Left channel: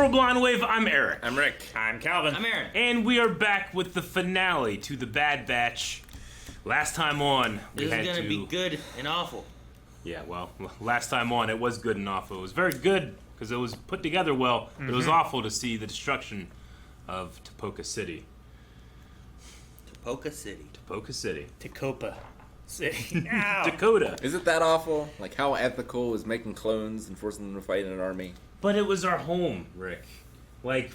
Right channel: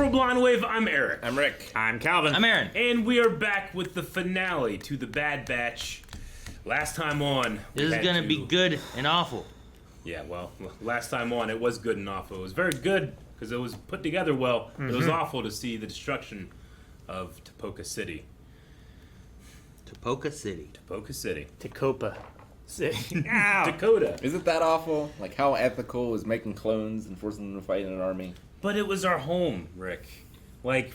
Temporal Blonde Wave, I'm Eric. I'm Rick. I'm Calvin. I'm Aaron. And we are back with the finale to the Bad Batch. Last time on, This is gonna be good and awful. Yeah, well, last time on, it was good and awful. It was very good because it was put together well. But it was awful to see the destruction of Tapoka City. Tapoka City. Tapoka City. Tacopa City. Ow. Dakota. Is it that awful? Like, how ethical is making clones and forcing them to fight in an army? But it was our home, Rick. Like,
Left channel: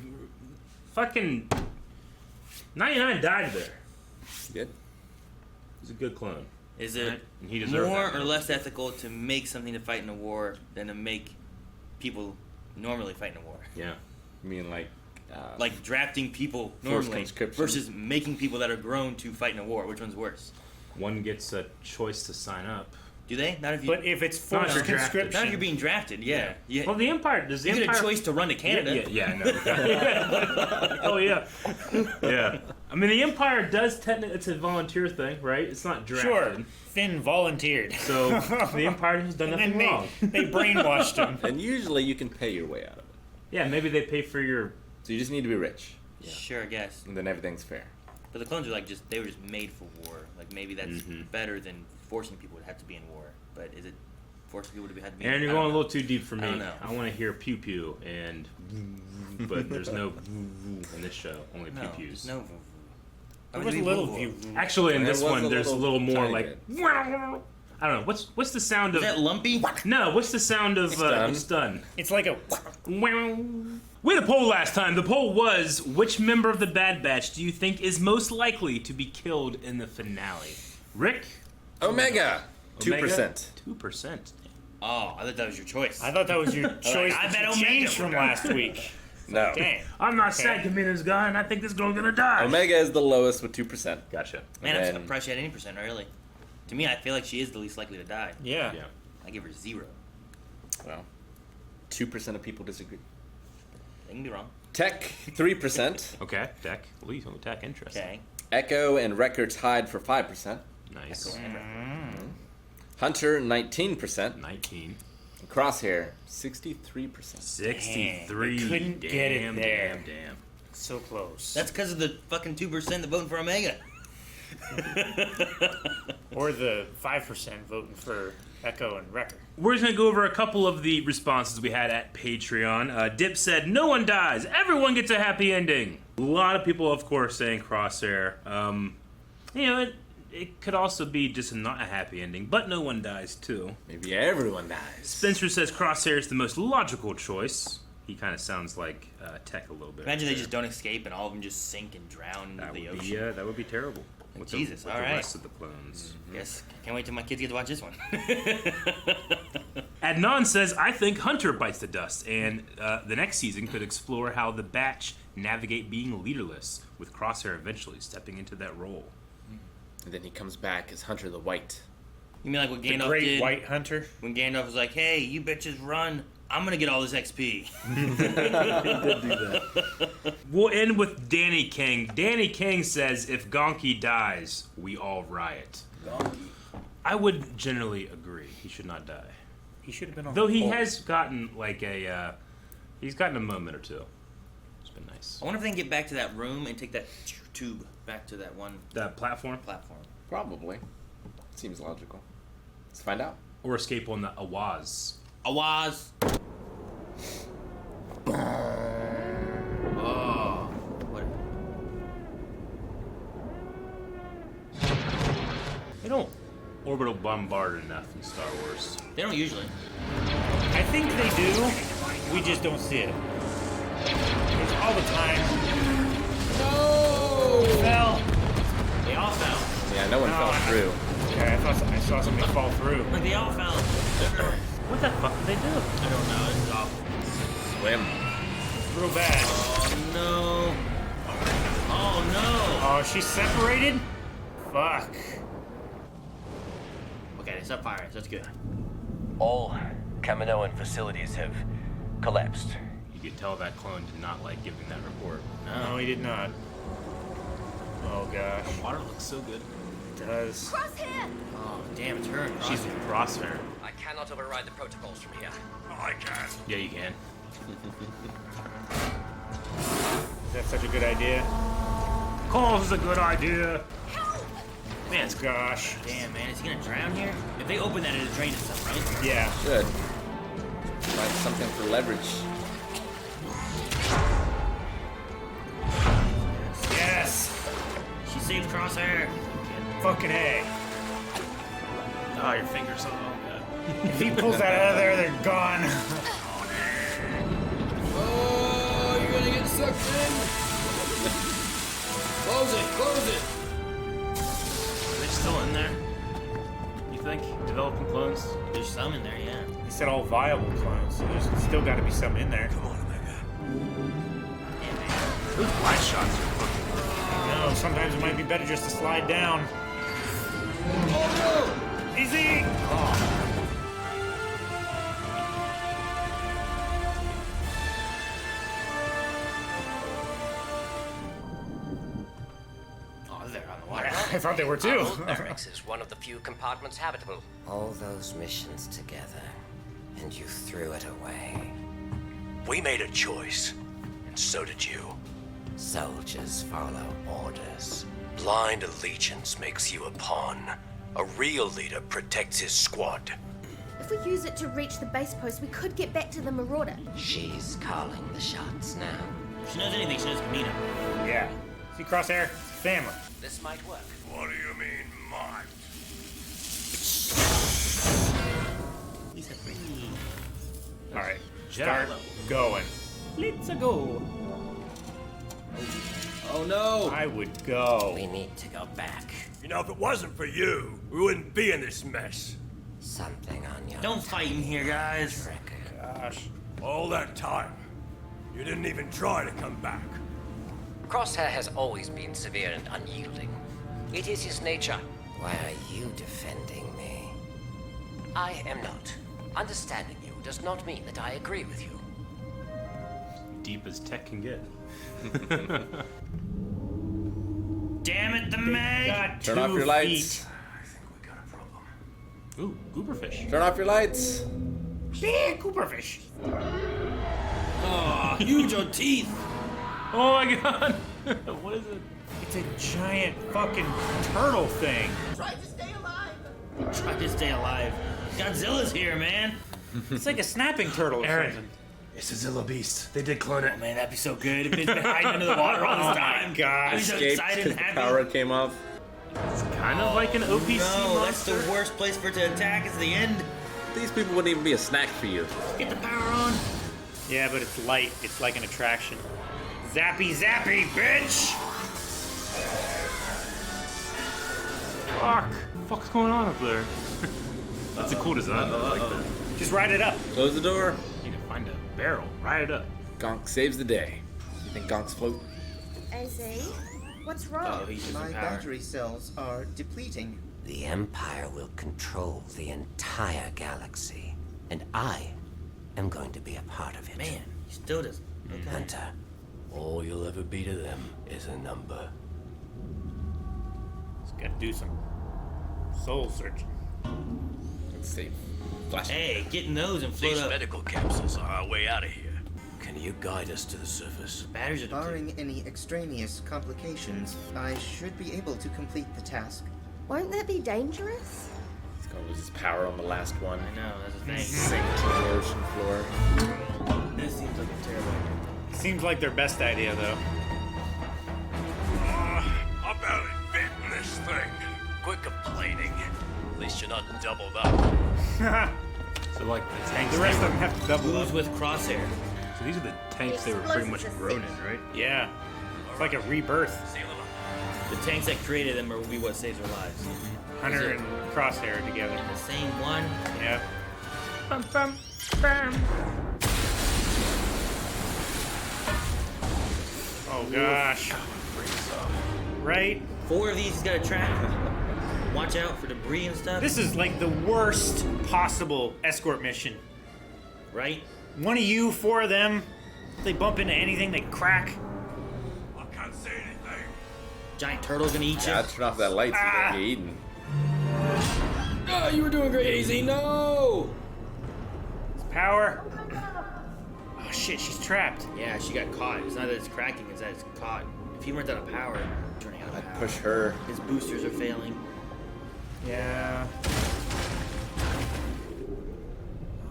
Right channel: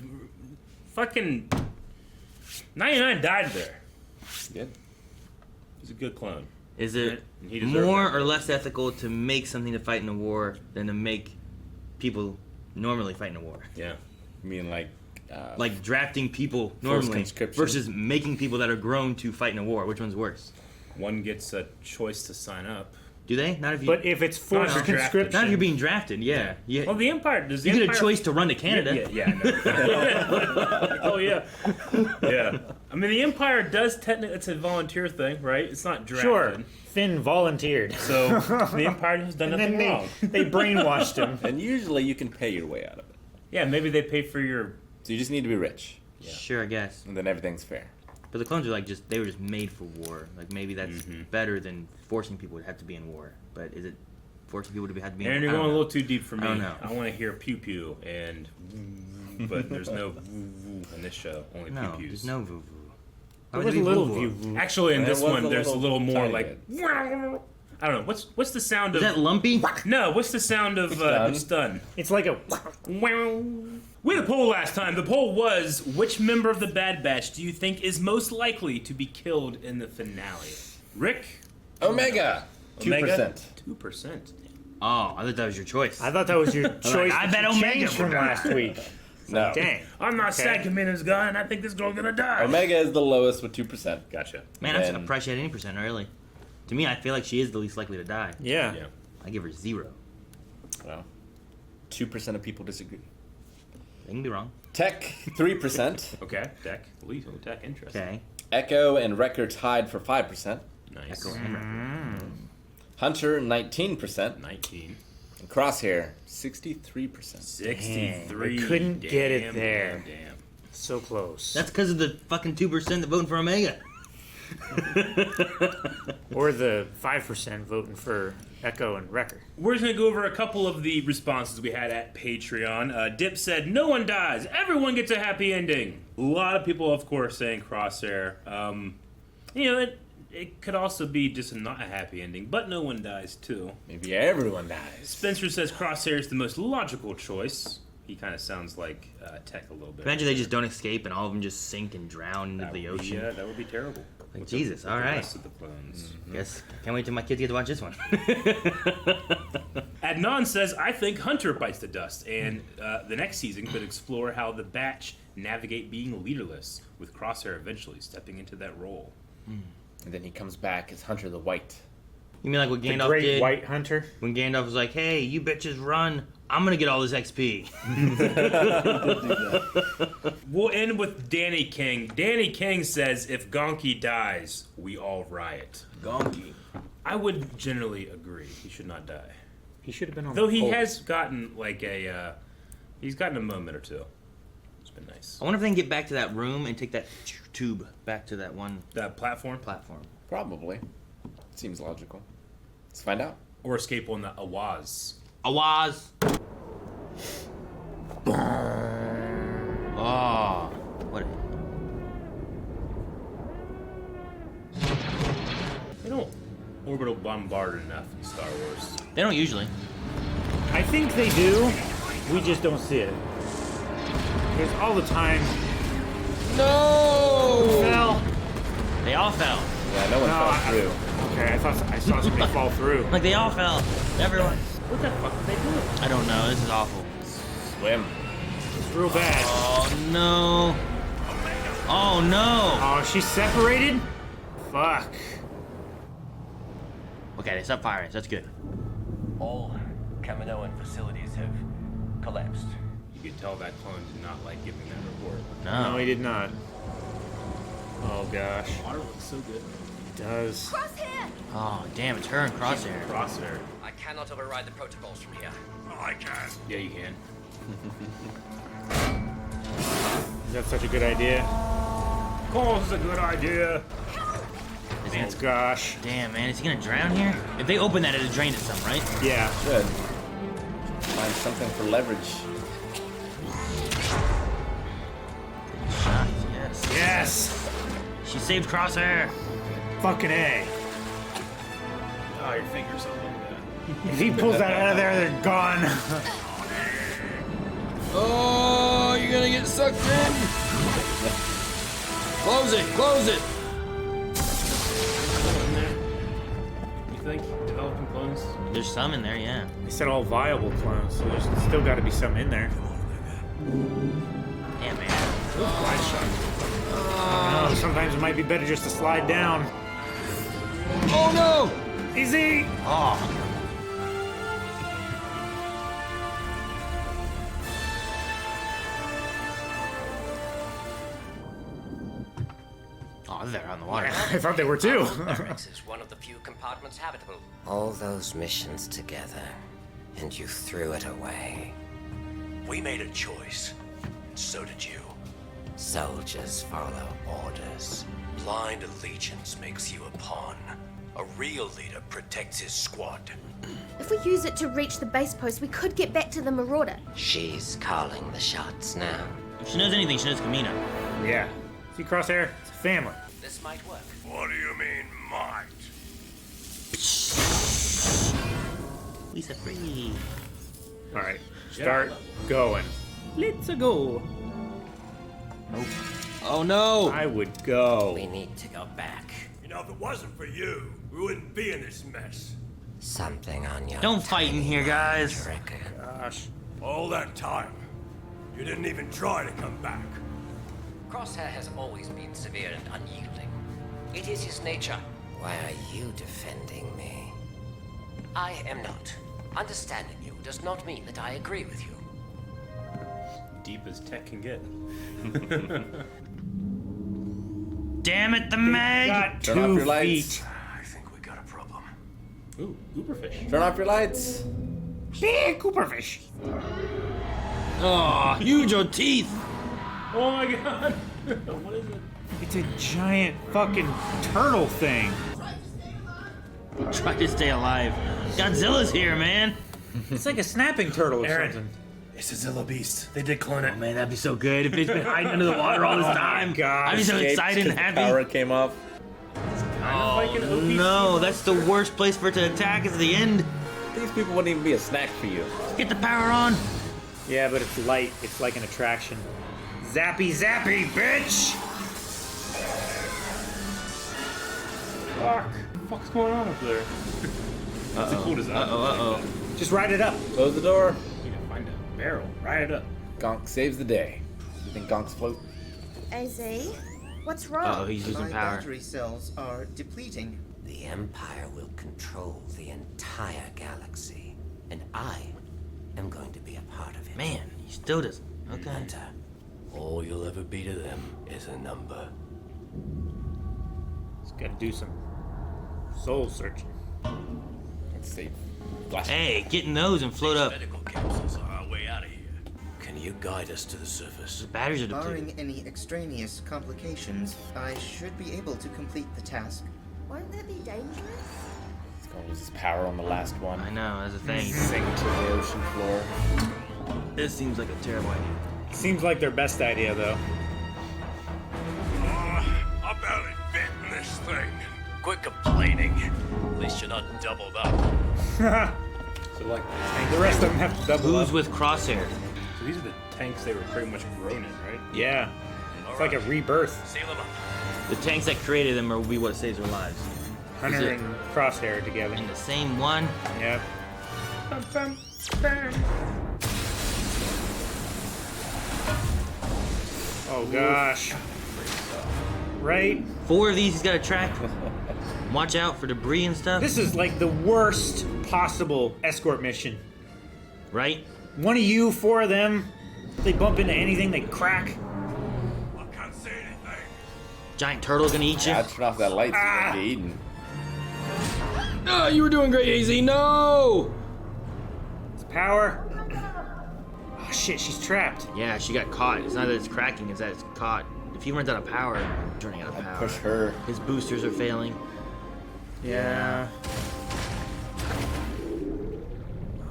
fucking 99 died there. Good. He's a good clone. Is it He deserved more that. or less ethical to make something to fight in a war than to make people normally fight in a war? Yeah. You mean Like drafting people Forced normally conscription. versus making people that are grown to fight in a war. Which one's worse? One gets a choice to sign up. Do they? Not if you. But if it's forced Not if you're conscription, not if you're being drafted. Yeah. Yeah. Well, the Empire does. The You get a Empire, choice to run to Canada. Yeah, no. Oh yeah, yeah. I mean, the Empire does technically. It's a volunteer thing, right? It's not drafted. sure, Finn volunteered. So the Empire has done And nothing then wrong. they brainwashed him. and usually you can pay your way out of it. Yeah, maybe they pay for your. So you just need to be rich, Yeah. Sure, I guess. and then everything's fair. But the clones are like they were just made for war. Like maybe that's better than forcing people to have to be in war. But is it forcing people to have to be? And you're going a little too deep for me. I don't know. I want to hear pew pew and, but there's no in this show. Only No, pew there's pews. no voo There was a little view. Actually, in There this was one, a there's a little little more tiny like. bit. I don't know. What's the sound Is of? that lumpy? No. What's the sound of stun? It's like a. We had a poll last time. The poll was, which member of the Bad Batch do you think is most likely to be killed in the finale? Rick? Omega. 2%. 2%. Oh, I thought that was your choice. I thought that was your choice. I bet Omega changed from would last week. No. Dang. I'm not Okay. sad Kamino's guy, and I think this girl's gonna die. Omega is the lowest with 2%. Gotcha. Man, I'm Then- surprised she had any percent early. To me, I feel like she is the least likely to die. Yeah. Yeah. I give her 0. Well, 2% of people disagree. They can be wrong. Tech, 3%. Okay. Tech. Lethal tech. Interesting. Okay. Echo and Wrecker tied for 5%. Nice. Echo and Wrecker. Hunter, 19%. 19. And Crosshair, 63%. 63. Dang, I couldn't get it Damn, there. Damn. So close. That's because of the fucking 2% that voting for Omega. Or the 5% voting for Echo and Wrecker. We're just gonna go over a couple of the responses we had at Patreon. Dip said, "No one dies. Everyone gets a happy ending." A lot of people, of course, saying Crosshair. You know, it could also be just not a happy ending, but no one dies too. Maybe everyone dies. Spencer says Crosshair is the most logical choice. He kind of sounds like Tech a little bit. Imagine they just don't escape and all of them just sink and drown into the ocean. Yeah, that would be terrible. With Jesus, with all the right. rest of the clones. Guess can't wait till my kids get to watch this one. Adnan says, I think Hunter bites the dust, and the next season could explore how the Batch navigate being leaderless, with Crosshair eventually stepping into that role. And then he comes back as Hunter the White. You mean like what The Gandalf Great did White Hunter. when Gandalf was like, "Hey, you bitches run! I'm gonna get all this XP." We'll end with Danny King. Danny King says, if Gonky dies, we all riot. Gonky. I would generally agree. He should not die. He should have been on Though the he pole. has gotten like he's gotten a moment or two. It's been nice. I wonder if they can get back to that room and take that tube back to that one That platform? platform. Probably. Seems logical. Let's find out. Or escape on the Awaz. Awaz. Oh, what? They don't orbital bombard enough in Star Wars. They don't usually. I think they do. We just don't see it. Because all the time. No! Fell. They all fell. Yeah, no one fell through. Okay, I thought I saw somebody fall through. Like they all fell. Everyone. What the fuck did they do? I don't know. This is awful. Swim. It's real bad. Oh no. Oh no. Oh, she's separated? Fuck. Okay, they stopped firing. That's good. All Kaminoan facilities have collapsed. You could tell that clone did not like giving that report. No, he did not. Oh gosh. Water looks so good. It does. Crosshair! Oh, damn, it's her and Crosshair. Crosshair. I cannot override the protocols from here. I can. Yeah, you can. Is that such a good idea? Of course, it's a good idea. Man, gosh. Damn, man, is he gonna drown here? If they open that, it'll drain itself, right? Yeah. Good. Like something for leverage. Yes! She saved Crosshair. Fucking A. Oh, your fingers all over If he pulls that out of there, they're gone. Oh, you're gonna get sucked in. Close it, close it. Still in there. You think? Developing clones? There's some in there, yeah. They said all viable clones, so there's still got to be some in there. Come on, Omega. Damn, man. Light shot. Oh, sometimes it might be better just to slide down. Oh no! Easy! Oh. Oh, they're on the water. I thought they were Our too. old barracks is one of the few compartments habitable. All those missions together, and you threw it away. We made a choice, and so did you. Soldiers follow orders. Blind allegiance makes you a pawn. A real leader protects his squad. If we use it to reach the base post, we could get back to the Marauder. She's calling the shots now. If she knows anything, she knows Kamino. Yeah. See, Crosshair? Family. This might work. What do you mean, might? Lisa free. Alright. Start going. Let's go. Oh no! I would go. We need to go back. You know, if it wasn't for you, we wouldn't be in this mess. Something on your Don't fight in here, guys. Tricker. Gosh. All that time, you didn't even try to come back. Crosshair has always been severe and unyielding. It is his nature. Why are you defending me? I am not. Understanding you does not mean that I agree with you. Deep as tech can get. Damn it, the mag! Got Turn off 2 your lights. feet. I think we got a problem. Ooh, gooberfish. Turn off your lights. Hey, Cooperfish. Oh, huge on teeth. Oh my god! What is it? It's a giant fucking turtle thing. Try to stay alive. Godzilla's here, man. It's like a snapping turtle or Aaron. something. It's a Zilla beast. They did clone it. Oh, man, that'd be so good if it's been hiding under the water all this time. God. I'd be so excited and The happy. power came off. Kind of like an OPC. No, that's the worst place for it to attack is the end. These people wouldn't even be a snack for you. Get the power on. Yeah, but it's light. It's like an attraction. Zappy, zappy, bitch! Fuck. What the fuck's going on up there? That's a cool design. Uh-oh. Just ride it up. Close the door. You can find a barrel. Ride it up. Gonk saves the day. I think Gonk's floating. AZ, what's Oh, wrong? he's using My power. battery cells are depleting. The Empire will control the entire galaxy, and I am going to be a part of it. Man, he still doesn't. Okay. Hunter, All you'll ever be to them is a number. Just gotta do some soul searching. Let's see. Flash. Hey, get in those and float These up. medical capsules are our way out of here. Can you guide us to the surface? Batteries are depleted. Barring any extraneous complications, I should be able to complete the task. Won't that be dangerous? He's gonna lose his power on the last one. I know, that's the thing. Sink to the ocean floor. This seems like a terrible idea. Seems like their best idea, though. I barely fit in this thing. Quit complaining. At least you're not doubled up. So like The rest of them have to double Who's up. with Crosshair? So these are the tanks they were pretty much grown in, right? Yeah. It's like a rebirth. Seal them up. The tanks that created them will be what saves our lives. Hunter and Crosshair together. And the same one. Yeah. Oh gosh. Right? 4 of these he's got to track. Watch out for debris and stuff. This is like the worst possible escort mission. Right? One of you, 4 of them, if they bump into anything, they crack. I can't see anything. Giant turtle gonna eat you. Yeah, turn off that light so you don't get eaten. Oh, you were doing great, AZ. No! It's power. Oh shit, she's trapped. Yeah, she got caught. It's not that it's cracking, it's that it's caught. If he runs out of power, he's running out of power. Push her. His boosters are failing. Yeah.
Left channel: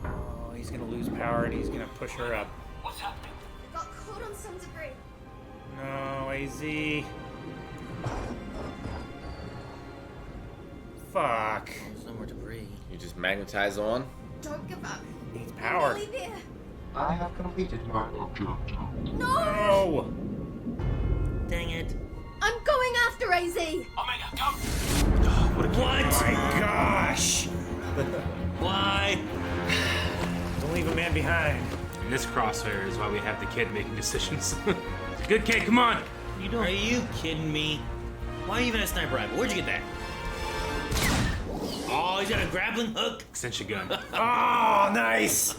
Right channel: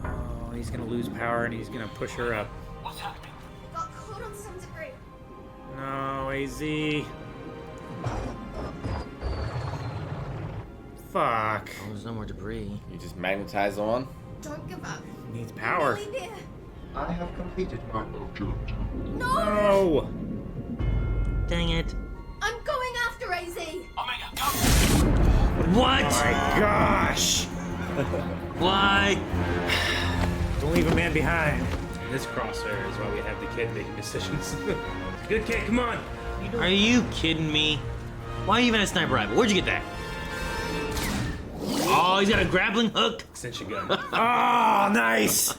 Oh, he's gonna lose power and he's gonna push her up. I got caught on some debris. No, AZ. Fuck. Oh, there's no more debris. You just magnetize on. Don't give up. Needs We're power. nearly there. I have completed my objective. No! No! Dang it. I'm going after AZ. What? Oh my gosh! Why? Don't leave a man behind. And this Crosshair is why we have the kid making decisions. Good kid, come on. Are you kidding me? Why even a sniper rifle? Where'd you get that? Oh, he's got a grappling hook. Extension gun. Oh, nice!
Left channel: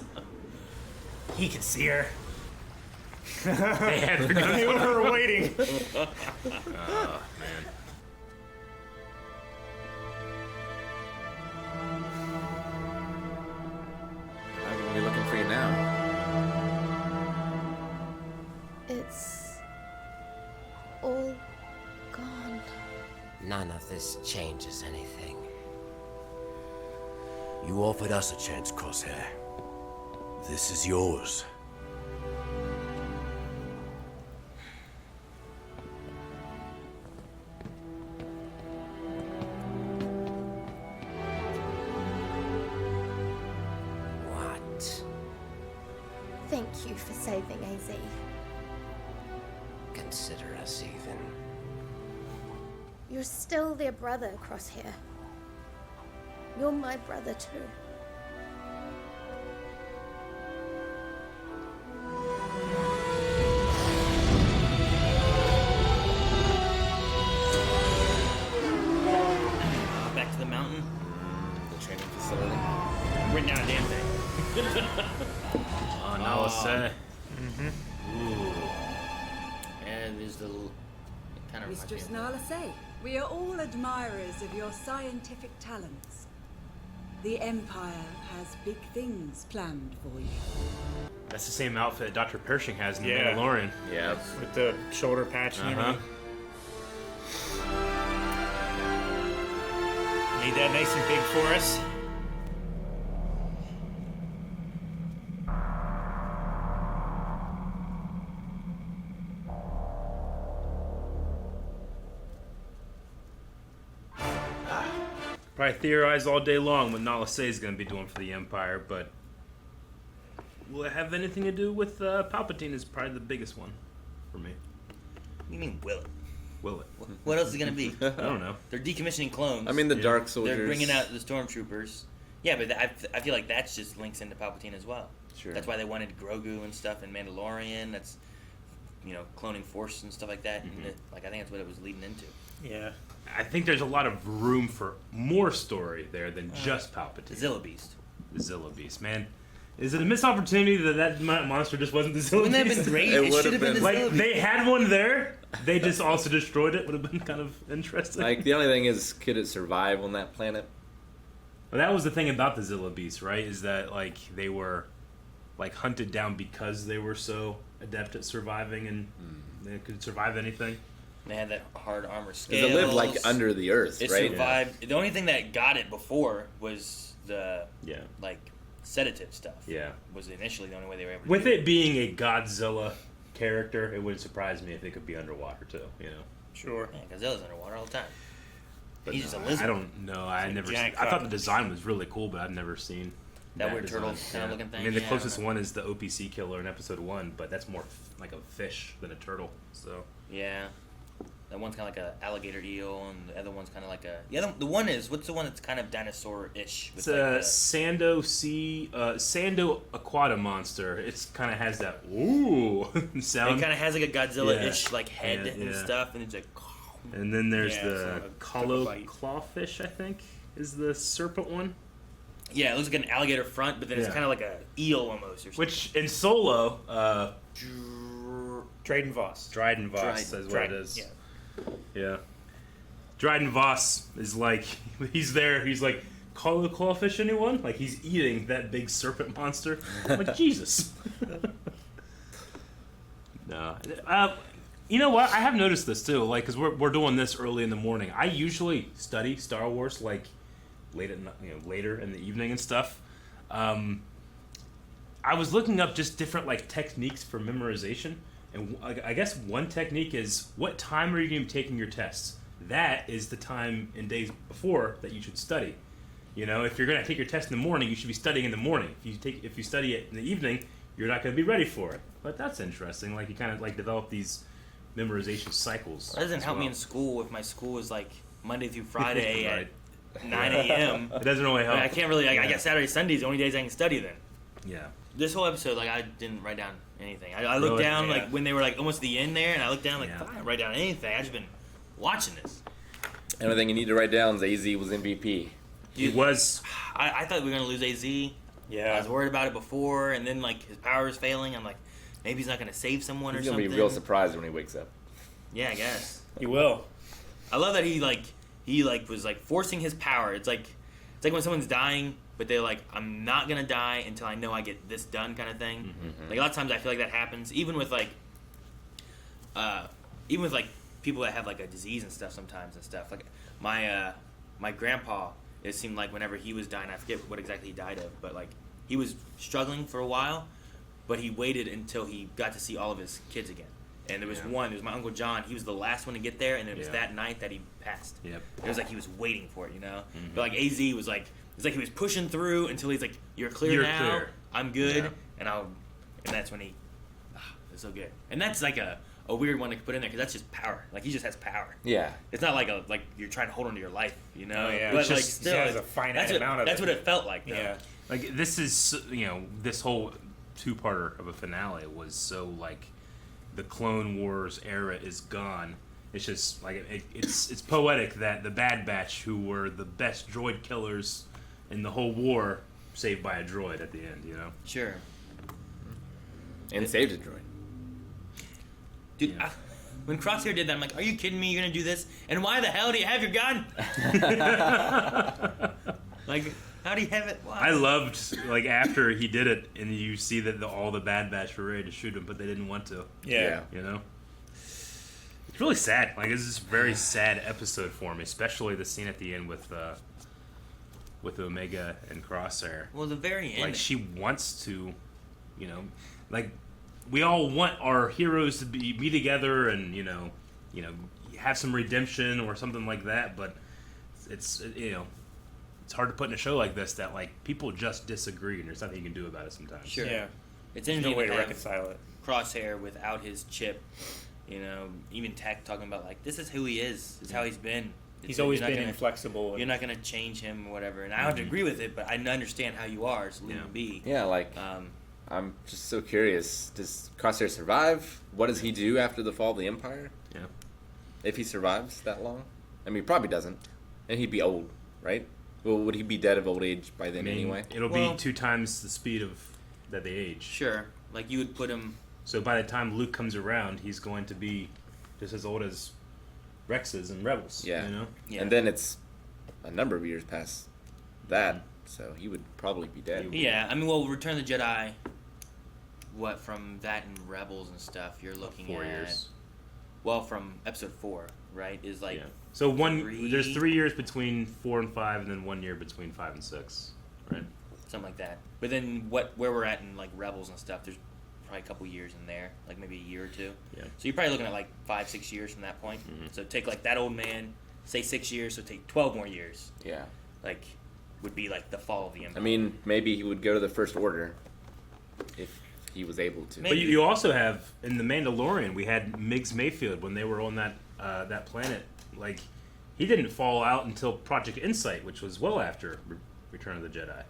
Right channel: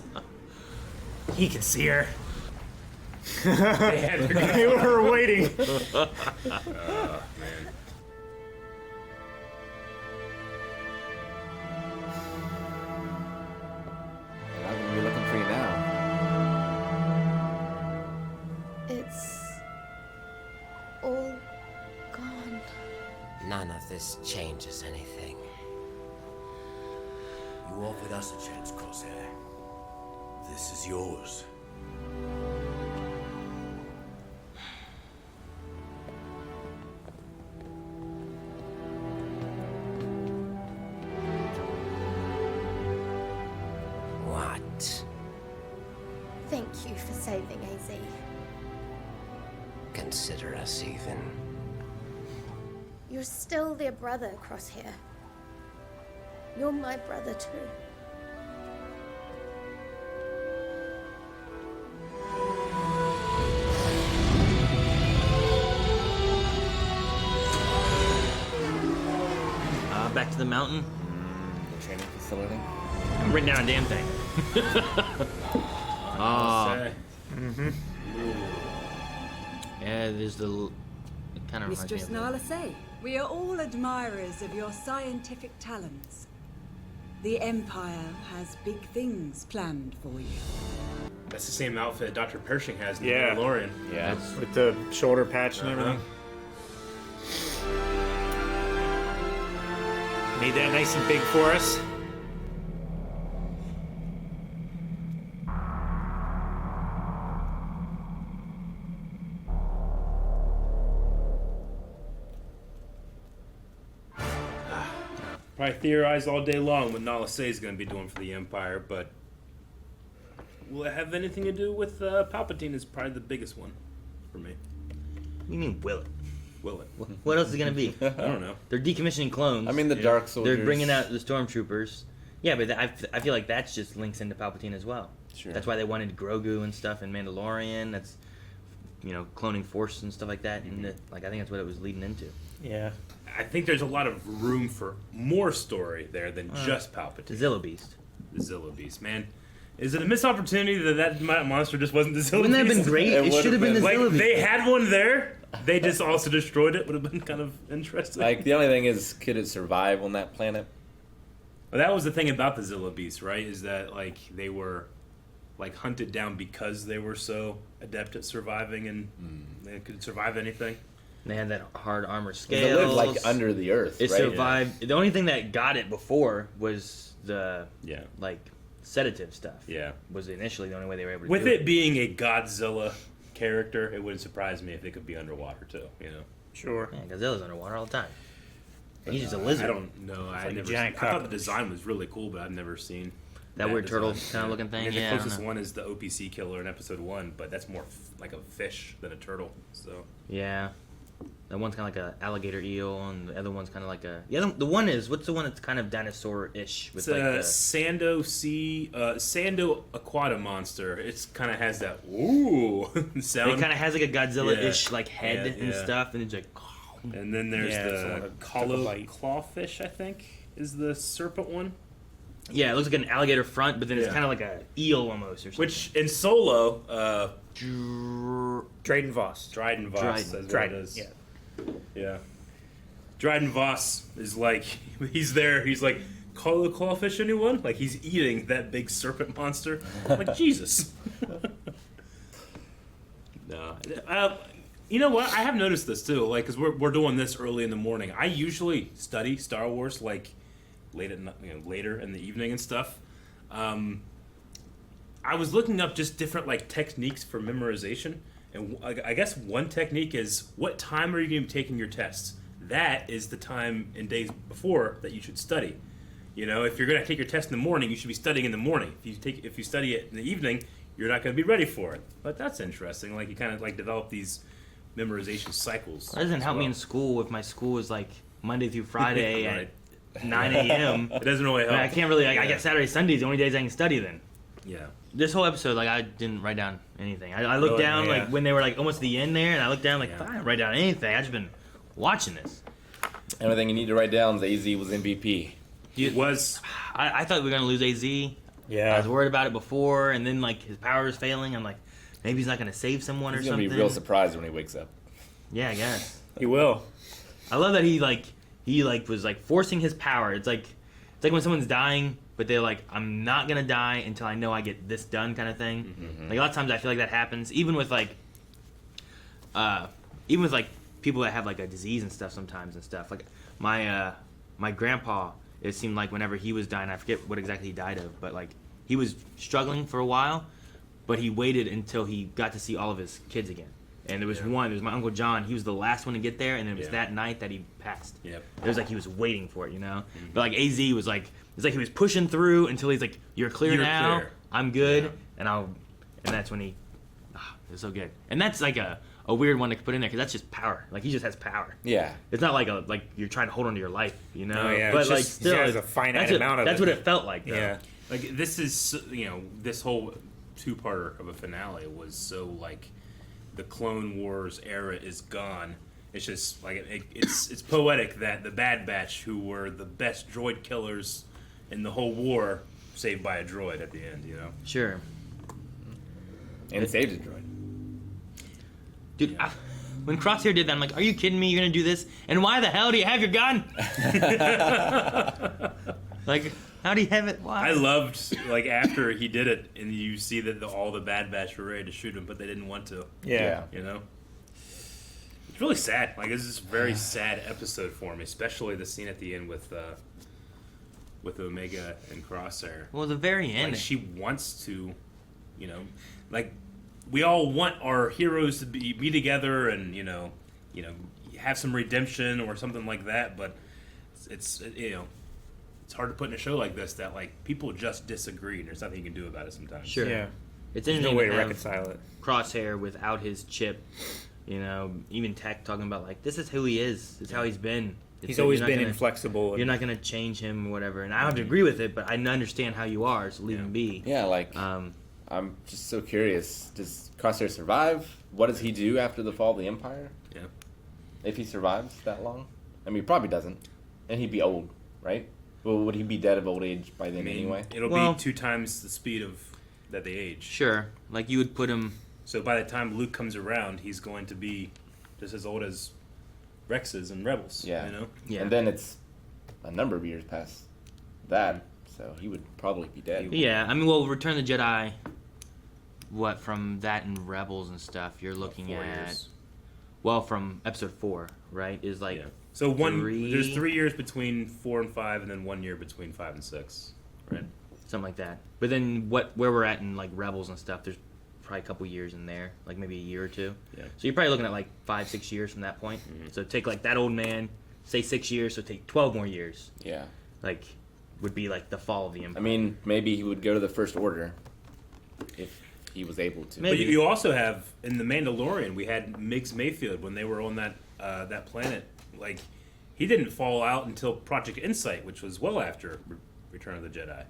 He can see her. They were waiting. I'm gonna be looking for you now. It's all gone. None of this changes anything. You offered us a chance, Crosshair. This is yours. What? Thank you for saving AZ. Consider us even. You're still their brother, Crosshair. You're my brother too. Back to the mountain. The training facility. Bring down a damn thing. Oh, Yeah, there's the little... It kind of Mistress Nala say, we are all admirers of your scientific talents. The Empire has big things planned for you. that's the same outfit Dr. Pershing has in Yeah. The Mandalorian. Yeah. With the shoulder patch and everything. Made that nice and big for us. Probably theorize all day long what Nala Se is going to be doing for the Empire, but will it have anything to do with Palpatine? Is probably the biggest one for me. You mean will it? Will it? What else is it gonna be? I don't know. They're decommissioning clones. I mean, the Dark Soldiers. They're bringing out the stormtroopers. Yeah, but I feel like that's just links into Palpatine as well. Sure. That's why they wanted Grogu and stuff in Mandalorian. That's, you know, cloning Force and stuff like that. And like I think that's what it was leading into. Yeah. I think there's a lot of room for more story there than just The Palpatine. Zilla Beast. The Zilla Beast, man. Is it a missed opportunity that monster just wasn't the Zilla Wouldn't that Beast? have been great? It should have been the Like, Zilla Beast. they had one there. They just also destroyed it. Would have been kind of interesting. Like, the only thing is, could it survive on that planet? But that was the thing about the Zilla Beast, right? Is that like they were like hunted down because they were so adept at surviving and they could survive anything. They had that hard armor 'Cause scales. it lived, like, under the earth, It right? survived. The only thing that got it before was the Yeah. like sedative stuff. Yeah. Was initially the only way they were able to With do it being a Godzilla character, it wouldn't surprise me if it could be underwater too. You know. Sure. Yeah, Godzilla's underwater all the time. And he's just a lizard. I don't know. I like a never. giant I thought cup. the design was really cool, but I've never seen That weird turtle design. kind of looking thing. I mean, yeah, the I don't closest know. one is the OPC killer in episode 1, but that's more like a fish than a turtle. So Yeah. That one's kind of like a alligator eel, and the other one's kind of like a. The one is what's the one that's kind of dinosaur-ish with it's like a the, Sando Aquata monster. It's kind of has that ooh sound. It kind of has like a Godzilla-ish Yeah. like head Yeah, and yeah. stuff, and it's like. And then there's Yeah, it's the like a triple bite. clawfish, I think, is the serpent one. Yeah, it looks like an alligator front, but then it's Yeah. kind of like a eel almost, or something. Which in Solo, Drayden Voss. Dryden Voss Dryden. is what Dryden, it is. yeah. Yeah. Dryden Voss is like, he's there, he's like, call the clawfish anyone? Like, he's eating that big serpent monster. Like, Jesus. No. You know what? I have noticed this too, like, because we're doing this early in the morning. I usually study Star Wars, like, later in the evening and stuff. I was looking up just different, like, techniques for memorization. And I guess one technique is, what time are you going to be taking your tests? That is the time in days before that you should study. You know, if you're going to take your test in the morning, you should be studying in the morning. If you study it in the evening, you're not going to be ready for it. But that's interesting. Like, you kind of like develop these memorization cycles. That doesn't help me in school if my school is like Monday through Friday Right. at 9 a.m. It doesn't really help. I can't really. I guess Saturday, Sundays the only days I can study then. Yeah. This whole episode, like, I didn't write down anything. I looked down like when they were like almost the end there, and I looked down like I didn't write down anything. I just been watching this. The only thing you need to write down is AZ was MVP. I thought we were gonna lose AZ. Yeah. I was worried about it before, and then like his power is failing. I'm like, maybe he's not gonna save someone or He's something. gonna be real surprised when he wakes up. Yeah, I guess. He will. I love that he was like forcing his power. It's like when someone's dying, but they're like, I'm not gonna die until I know I get this done, kind of thing. Mm-hmm. Like a lot of times I feel like that happens, even with people that have like a disease and stuff sometimes and stuff. Like my grandpa, it seemed like whenever he was dying, I forget what exactly he died of, but like he was struggling for a while, but he waited until he got to see all of his kids again. And there was one, it was my Uncle John, he was the last one to get there, and it was that night that he passed. Yep. It was like he was waiting for it, you know? Mm-hmm. But like AZ was like, it's like he was pushing through until he's like, you're clear now, I'm good, and that's when it was so good. And that's like a weird one to put in there, because that's just power. Like, he just has power. Yeah. It's not like you're trying to hold on to your life, you know? Oh, yeah. But It's like, just, still, he has a finite amount of that's it. what it felt like, though. Yeah. Like, this is, this whole two-parter of a finale was so, like, the Clone Wars era is gone. It's just, like, it's poetic that the Bad Batch, who were the best droid killers in the whole war, saved by a droid at the end, you know? Sure. And saved a droid. Dude, when Crosshair did that, I'm like, are you kidding me? You're going to do this? And why the hell do you have your gun? Like, how do you have it? Why? I loved, like, after he did it, and you see that all the Bad Batch were ready to shoot him, but they didn't want to. Yeah. You know? It's really sad. Like, this is a very sad episode for me, especially the scene at the end with Omega and Crosshair. Well, the very end. Like, she wants to, like, we all want our heroes to be together and, have some redemption or something like that, but it's hard to put in a show like this that, like, people just disagree and there's nothing you can do about it sometimes. Sure. Yeah. It's There's interesting no way to to have reconcile it. Crosshair without his chip, even Tech talking about, like, this is who he is. It's how he's been. He's always been inflexible. You're not going to change him or whatever. And I don't agree with it, but I understand how you are, so leave him be. Yeah, like, I'm just so curious. Does Crosshair survive? What does he do after the fall of the Empire? Yeah. If he survives that long? I mean, he probably doesn't. And he'd be old, right? Well, would he be dead of old age by then anyway? It'll be 2 times the speed of that they age. Sure. Like, you would put him... So by the time Luke comes around, he's going to be just as old as Rex is in Rebels. Yeah. Yeah. And then it's a number of years past that, so he would probably be dead. Yeah, I mean, well, Return of the Jedi, from that and Rebels and stuff, you're looking 4 at... years. Well, from Episode 4, right? Is like... Yeah. So there's 3 years between 4 and 5, and then 1 year between 5 and 6, right? Something like that. But then where we're at in, like, Rebels and stuff, there's probably a couple years in there, like maybe a year or two. Yeah. So you're probably looking at like 5-6 years from that point. Mm-hmm. So take like that old man, say 6 years, so take 12 more years. Yeah. Like, would be like the fall of the Empire. I mean, maybe he would go to the First Order if he was able to. But you also have, in The Mandalorian, we had Miggs Mayfield when they were on that planet. Like, he didn't fall out until Project Insight, which was well after Return of the Jedi.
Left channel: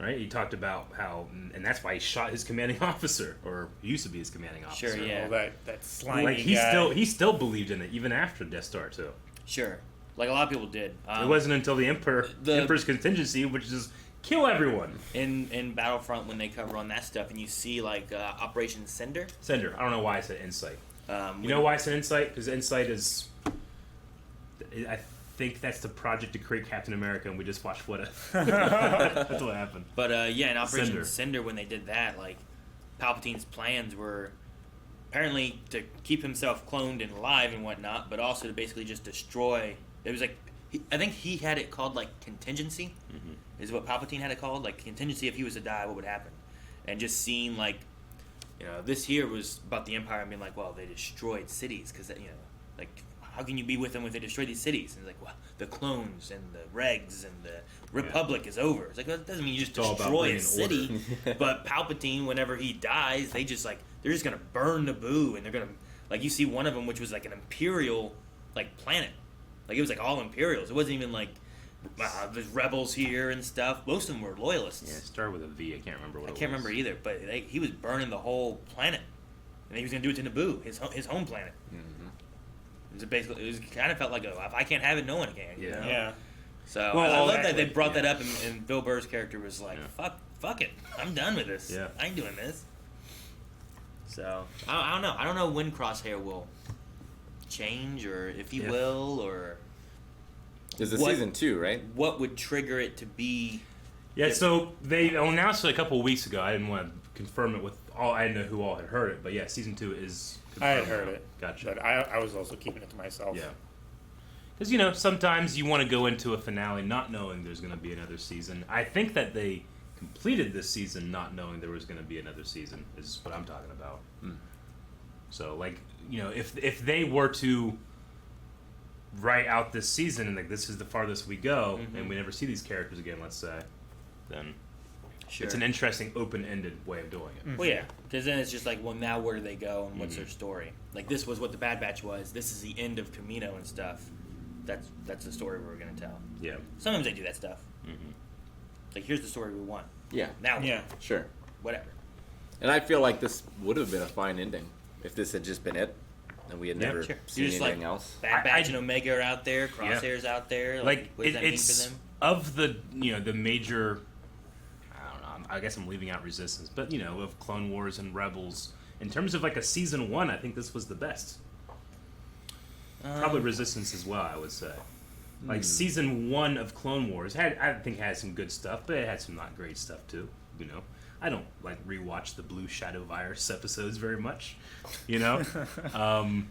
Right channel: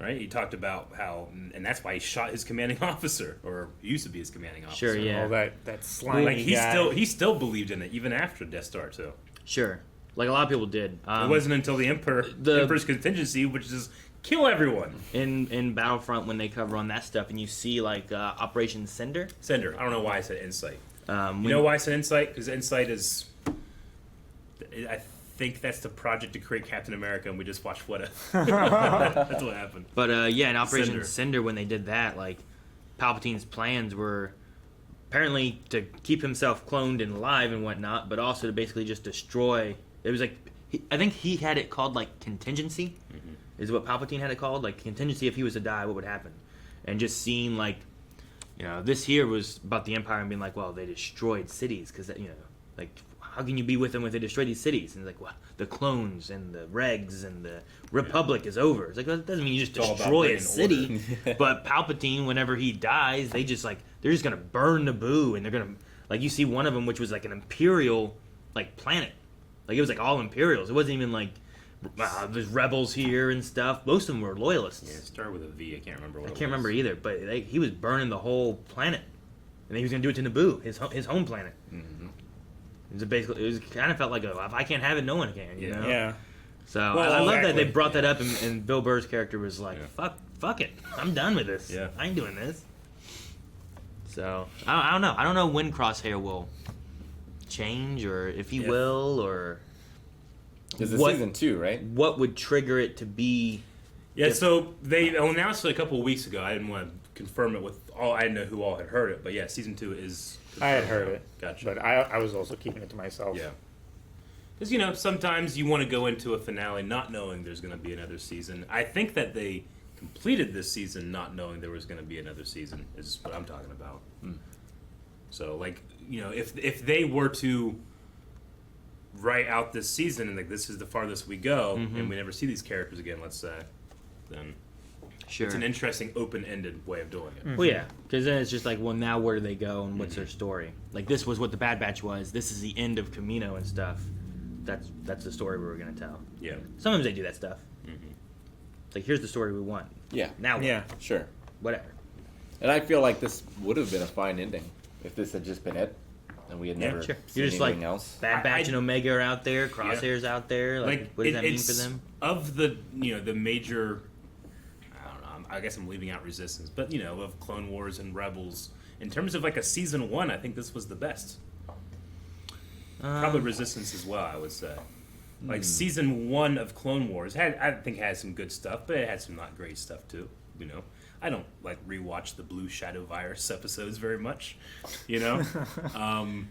Right? He talked about how, and that's why he shot his commanding officer, or used to be his commanding officer. Sure, yeah. All that slimy like guy. he still believed in it even after Death Star too. Sure, like a lot of people did. It wasn't until the Emperor's contingency, which is kill everyone. In Battlefront, when they cover on that stuff, and you see like Operation Cinder. I don't know why I said Insight. You know why I said Insight? Because Insight is I think that's the project to create Captain America, and we just watched What If. That's what happened. But yeah, in Operation Cinder, when they did that, like Palpatine's plans were apparently to keep himself cloned and alive and whatnot, but also to basically just destroy. It was like I think he had it called like contingency, is what Palpatine had it called, like contingency. If he was to die, what would happen? And just seeing like, this here was about the Empire and being like, well, they destroyed cities because like. How can you be with them if they destroy these cities? And it's like, well, the clones and the regs and the Republic is over. It's like, well, that doesn't mean you just destroy a city. But Palpatine, whenever he dies, they're just gonna burn Naboo, and they're gonna, like, you see one of them, which was like an Imperial, like, planet. Like, it was like all Imperials. It wasn't even like, there's rebels here and stuff. Most of them were loyalists. Yeah, it started with a V. I can't remember what I can't remember either, but he was burning the whole planet. And then he was gonna do it to Naboo, his home planet. It kind of felt like, if I can't have it, no one can, you know? Yeah. So I love that they brought that up, and Bill Burr's character was like, fuck it. I'm done with this. Yeah. I ain't doing this. So, I don't know. I don't know when Crosshair will change, or if he will, or... There's a season 2, right? What would trigger it to be... Yeah, so they announced it a couple of weeks ago. I didn't want to confirm it with all... I didn't know who all had heard it, but yeah, season 2 is... I had heard it. Gotcha. But I was also keeping it to myself. Yeah. Because, sometimes you want to go into a finale not knowing there's going to be another season. I think that they completed this season not knowing there was going to be another season, is what I'm talking about. So, like, if they were to write out this season and, like, this is the farthest we go, and we never see these characters again, let's say, then... Sure. It's an interesting, open-ended way of doing it. Well, yeah, because then it's just like, well, now where do they go and what's their story? Like, this was what the Bad Batch was. This is the end of Kamino and stuff. That's the story we were going to tell. Yeah. Sometimes they do that stuff. It's like, here's the story we want. Yeah. Now what? Yeah. Sure. Whatever. And I feel like this would have been a fine ending if this had just been it, and we had never seen You're just anything like, else. Bad Batch and Omega are out there. Crosshair's out there. Like, what does that mean for them? Of the, the major... I guess I'm leaving out Resistance, but of Clone Wars and Rebels, in terms of like a season 1, I think this was the best. Probably Resistance as well, I would say. Like season 1 of Clone Wars I think had some good stuff, but it had some not great stuff too. I don't like rewatch the Blue Shadow Virus episodes very much, And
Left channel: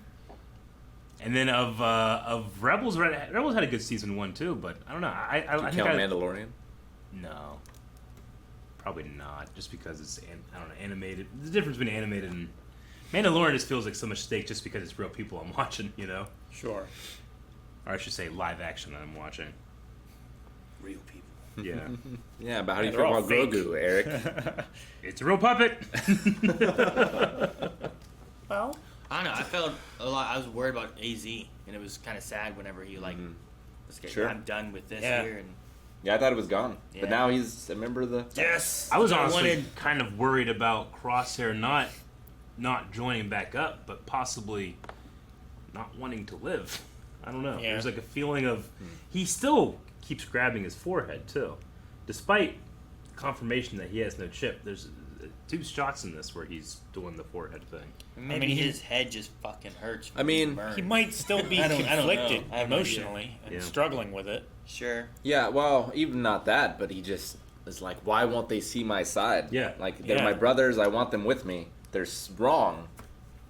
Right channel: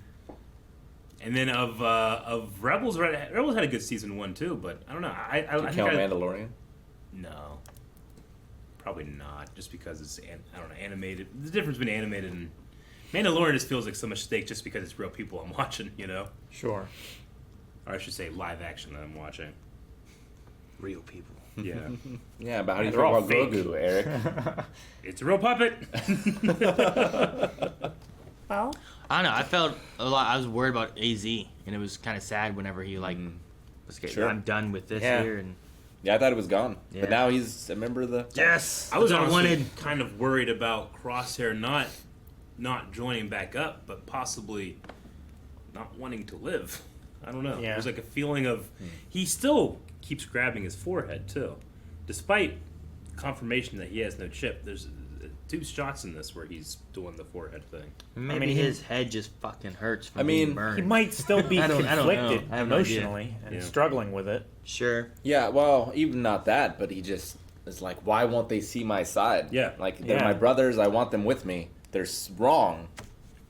then of Rebels had a good season 1 too, but I don't know. I count Mandalorian. No. Probably not, just because it's animated. The difference between animated and Mandalorian just feels like so much stake just because it's real people I'm watching, Sure. Or I should say live action that I'm watching. Real people. Yeah. Yeah, but how do you feel about Grogu, Eric? It's a real puppet. Well, I don't know. I felt a lot. I was worried about AZ, and it was kind of sad whenever he I'm done with this here and. Yeah, I thought it was gone. Yeah. But now he's a member of the... Yes! I was honestly kind of worried about Crosshair not joining back up, but possibly not wanting to live. I don't know. Yeah. There's like a feeling of... He still keeps grabbing his forehead, too. Despite confirmation that he has no chip, there's 2 shots in this where he's doing the forehead thing. Maybe his head just fucking hurts from being burned. He might still be conflicted emotionally and struggling with it. Sure. Yeah, well, even not that, but he just is like, why won't they see my side? Yeah. Like, they're my brothers, I want them with me. They're wrong.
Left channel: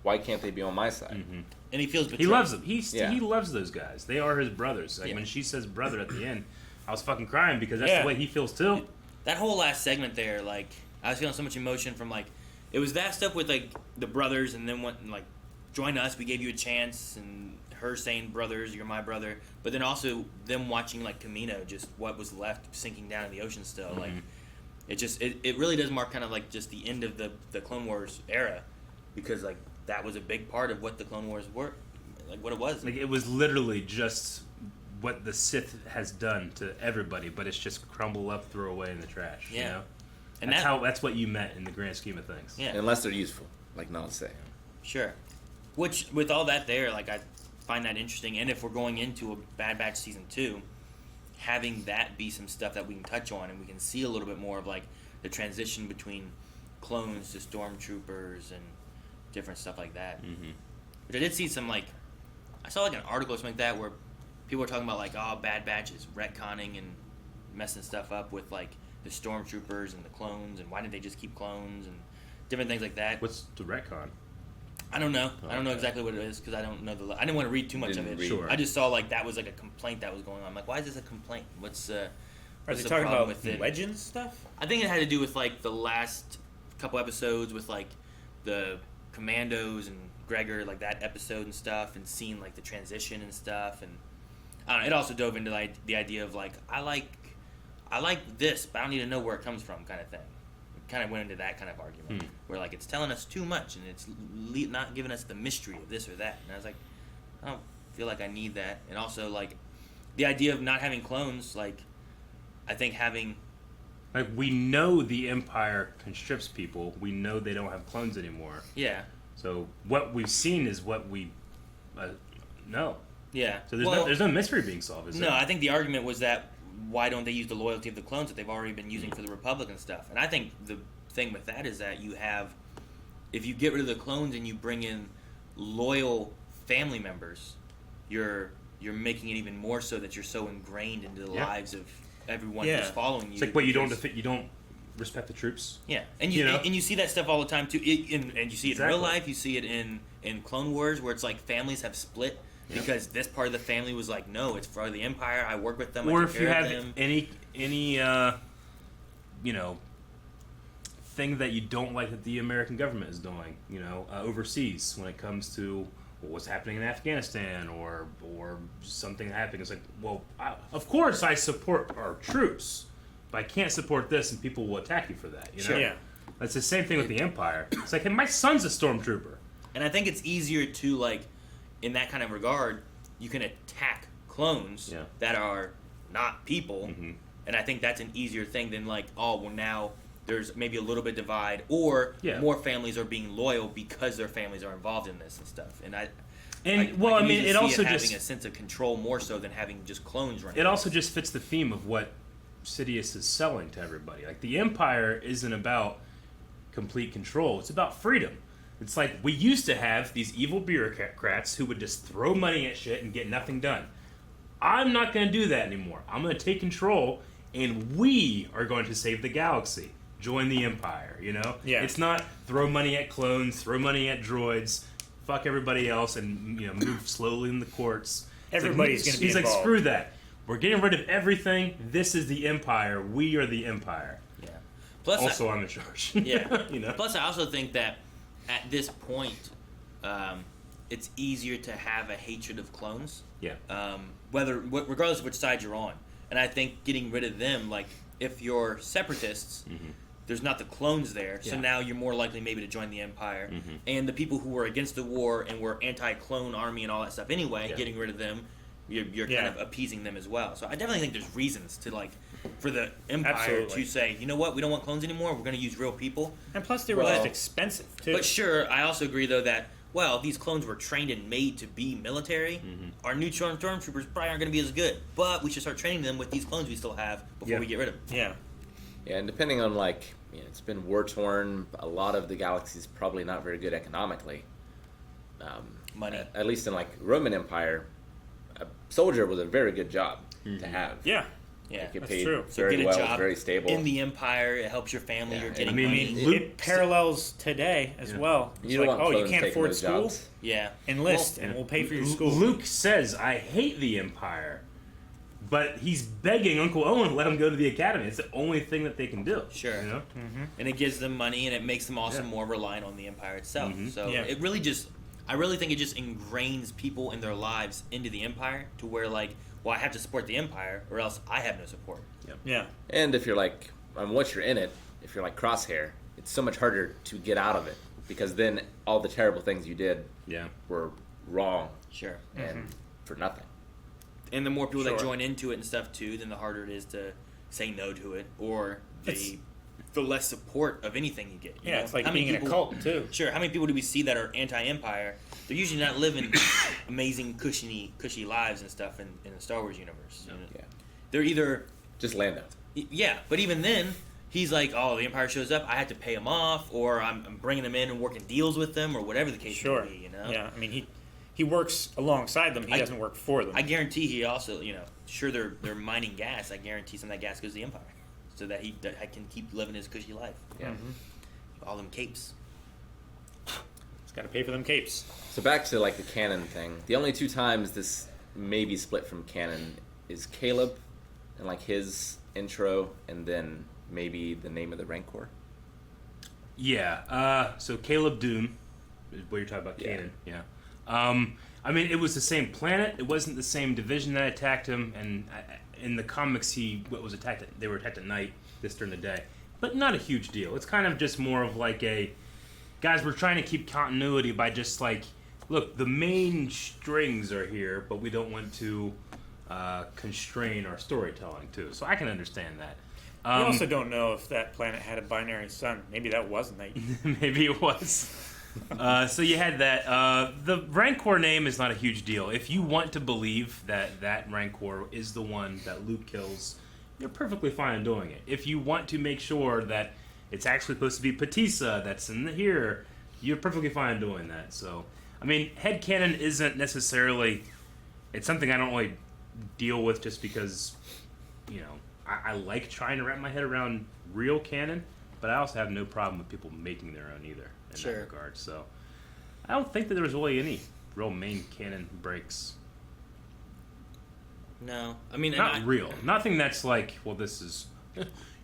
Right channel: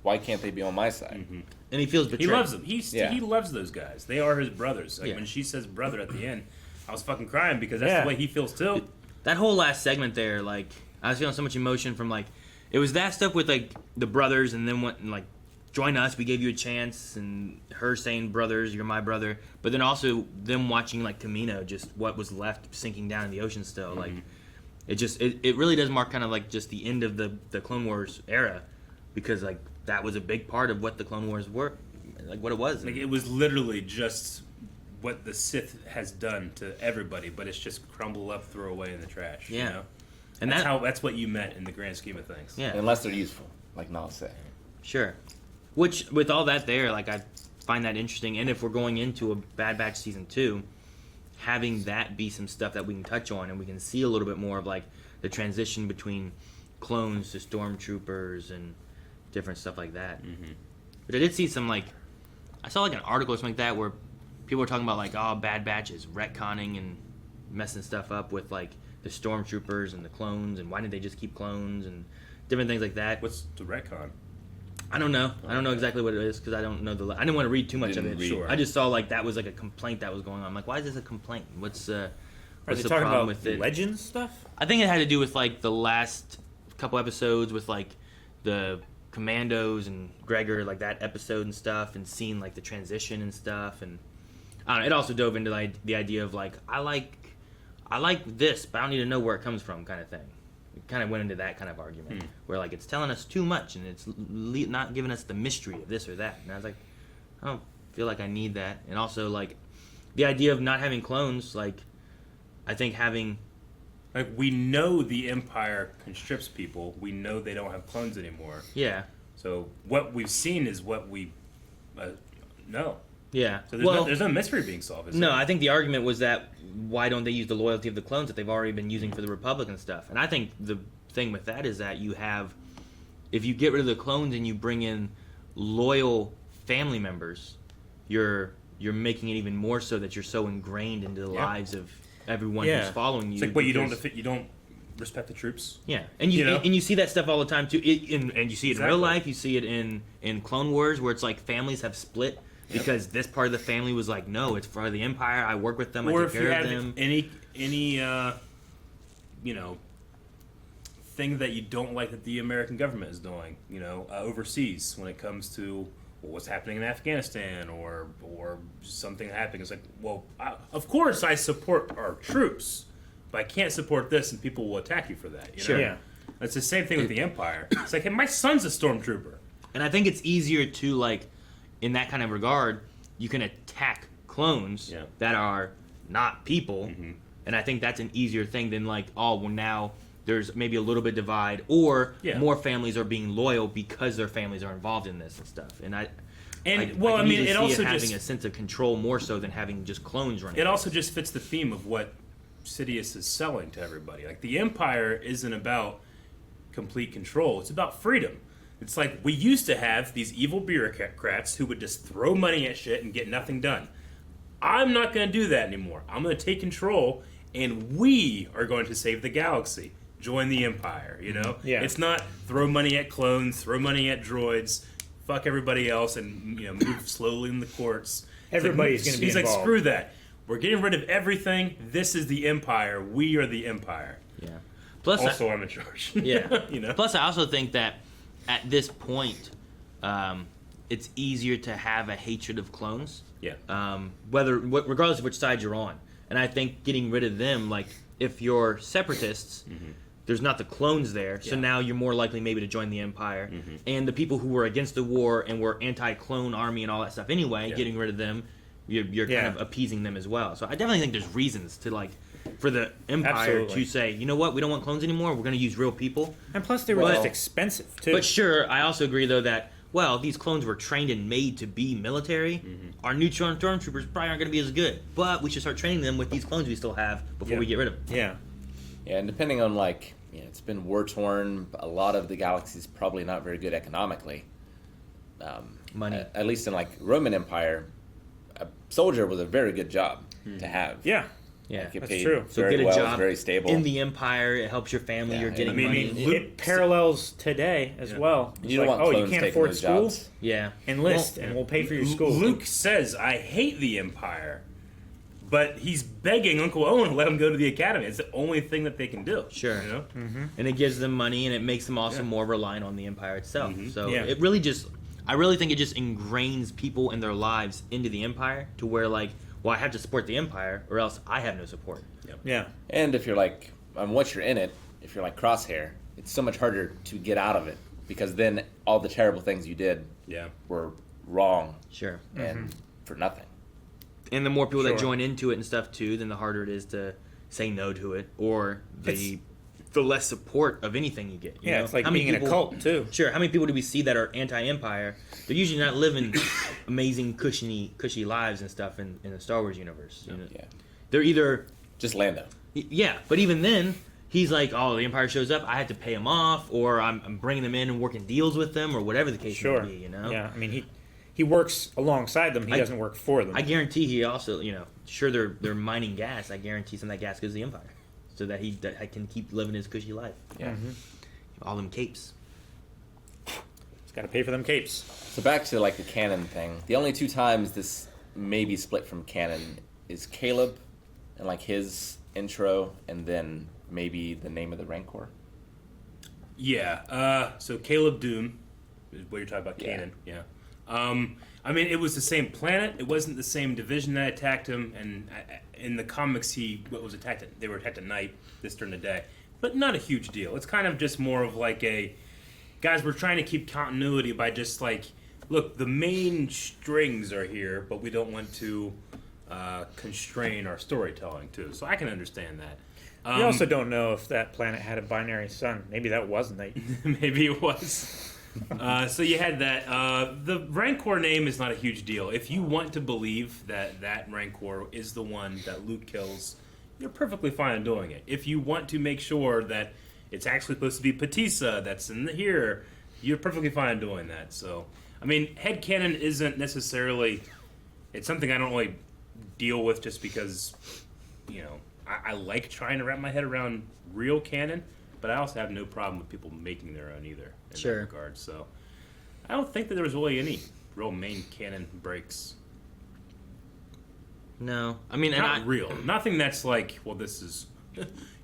Why can't they be on my side? And he feels betrayed. He loves them. He loves those guys. They are his brothers. Like, when she says brother at the end, I was fucking crying because that's the way he feels, too. That whole last segment there, like, I was feeling so much emotion from, like, it was that stuff with, like, the brothers and then went and, like, join us, we gave you a chance, and her saying, brothers, you're my brother, but then also them watching, like, Kamino, just what was left sinking down in the ocean still, like, it really does mark kind of, like, just the end of the Clone Wars era, because, like, that was a big part of what the Clone Wars were, like, what it was. Like, it was literally just what the Sith has done to everybody, but it's just crumbled up, throw away in the trash, you know? And that's what you meant in the grand scheme of things. Yeah. Unless they're useful, like not say. Sure. Which, with all that there, like, I find that interesting. And if we're going into a Bad Batch Season 2, having that be some stuff that we can touch on and we can see a little bit more of, like, the transition between clones to stormtroopers and different stuff like that. But I did see some, like, I saw, like, an article or something like that where people were talking about like, oh, Bad Batch is retconning and messing stuff up with like the stormtroopers and the clones, and why didn't they just keep clones and different things like that. What's the retcon? I don't know. I don't know exactly what it is because I don't know I didn't want to read too much of it. Sure. I just saw like that was like a complaint that was going on. I'm like, why is this a complaint? What's the talking problem about with it? Legends stuff? I think it had to do with like the last couple episodes with like the Commandos and Gregor, like that episode and stuff, and seeing like the transition and stuff, and I don't know, it also dove into like the idea of like I like this, but I don't need to know where it comes from, kind of thing. It kind of went into that kind of argument where like it's telling us too much and it's not giving us the mystery of this or that. And I was like, I don't feel like I need that. And also like the idea of not having clones, like I think having. Like, we know the Empire constricts people. We know they don't have clones anymore. Yeah. So what we've seen is what we know. Yeah. So there's no mystery being solved, is No, there? I think the argument was that why don't they use the loyalty of the clones that they've already been using for the Republic and stuff? And I think the thing with that is that you have, if you get rid of the clones and you bring in loyal family members, you're making it even more so that you're so ingrained into the lives of everyone who's following you. It's like, what, you don't respect the troops? Yeah, and you see that stuff all the time too. And you see it in real life. You see it in Clone Wars, where it's like families have split because this part of the family was like, no, it's for the Empire. I work with them. Or I if take you care of have them. any thing that you don't like that the American government is doing, overseas when it comes to what's happening in Afghanistan or something happening. It's like, well, of course I support our troops, but I can't support this, and people will attack you for that. Sure. Yeah. It's the same thing with the Empire. It's like, hey, my son's a stormtrooper. And I think it's easier to, like, in that kind of regard, you can attack clones that are not people, and I think that's an easier thing than, like, oh, well, now there's maybe a little bit divide, or more families are being loyal because their families are involved in this and stuff. And I it also having just a sense of control more so than having just clones running. It also just fits the theme of what Sidious is selling to everybody. Like, the Empire isn't about complete control; it's about freedom. It's like, we used to have these evil bureaucrats who would just throw money at shit and get nothing done. I'm not going to do that anymore. I'm going to take control, and we are going to save the galaxy. Join the Empire, Yeah. It's not throw money at clones, throw money at droids, fuck everybody else, and move slowly in the courts. Everybody's going to be It's involved. like, screw that. We're getting rid of everything. This is the Empire. We are the Empire. Yeah. Plus, also, I'm in charge. Yeah. Plus, I also think that at this point, it's easier to have a hatred of clones. Yeah. Regardless of which side you're on, and I think getting rid of them, like if you're separatists, there's not the clones there, so now you're more likely maybe to join the Empire. And the people who were against the war and were anti-clone army and all that stuff anyway, getting rid of them, you're kind of appeasing them as well. So I definitely think there's reasons to for the Empire to say, you know what, we don't want clones anymore. We're going to use real people. And plus, they were just expensive too. But sure, I also agree though that these clones were trained and made to be military. Our new stormtroopers probably aren't going to be as good, but we should start training them with these clones we still have before we get rid of them. Yeah. Yeah, and depending on it's been war torn. A lot of the galaxy's probably not very good economically. Money, at least in Roman Empire, a soldier was a very good job to have. Yeah. Yeah, that's true. So very get a well, job very stable in the Empire. It helps your family. You're getting money. It parallels today as well. It's you don't want clones you can't taking afford those school? jobs. Yeah. Enlist, and we'll pay for your school. Luke says, I hate the Empire, but he's begging Uncle Owen to let him go to the academy. It's the only thing that they can do. Sure. And it gives them money, and it makes them also more reliant on the Empire itself. So it really I really think it just ingrains people in their lives into the Empire to where I have to support the Empire or else I have no support. Yeah. And if you're once you're in it, if you're like Crosshair, it's so much harder to get out of it because then all the terrible things you did were wrong. Sure. And for nothing. And the more people that join into it and stuff too, then the harder it is to say no to it, or the less support of anything you get. You know? It's like being in a cult too. Sure. How many people do we see that are anti-Empire? They're usually not living amazing, cushy lives and stuff in the Star Wars universe. You know? Yeah. They're either just Lando. Yeah, but even then, he's like, oh, the Empire shows up, I had to pay them off, or I'm bringing them in and working deals with them, or whatever the case may be. You know? Yeah. I mean, he works alongside them. He doesn't work for them. I guarantee he also, sure they're mining gas. I guarantee some of that gas goes to the Empire, so that he can keep living his cushy life. Yeah. All them capes. He's got to pay for them capes. So back to like the canon thing. The only 2 times this may be split from canon is Caleb and like his intro, and then maybe the name of the Rancor. Yeah. So Caleb Doom, is what you're talking about, Canon. Yeah. I mean, it was the same planet. It wasn't the same division that attacked him. And in the comics, they were attacked at night, this during the day. But not a huge deal. It's kind of just more of like guys, we're trying to keep continuity by just like, look, the main strings are here, but we don't want to constrain our storytelling too. So I can understand that. We also don't know if that planet had a binary sun. Maybe that wasn't it. Maybe it was. So you had that. The Rancor name is not a huge deal. If you want to believe that Rancor is the one that Luke kills, you're perfectly fine doing it. If you want to make sure that it's actually supposed to be Patissa that's in here, you're perfectly fine doing that. So, I mean, headcanon isn't necessarily... It's something I don't really deal with just because, I like trying to wrap my head around real canon, but I also have no problem with people making their own either in that regard. So I don't think that there was really any real main canon breaks. No, I mean, not real. Nothing that's like, well, this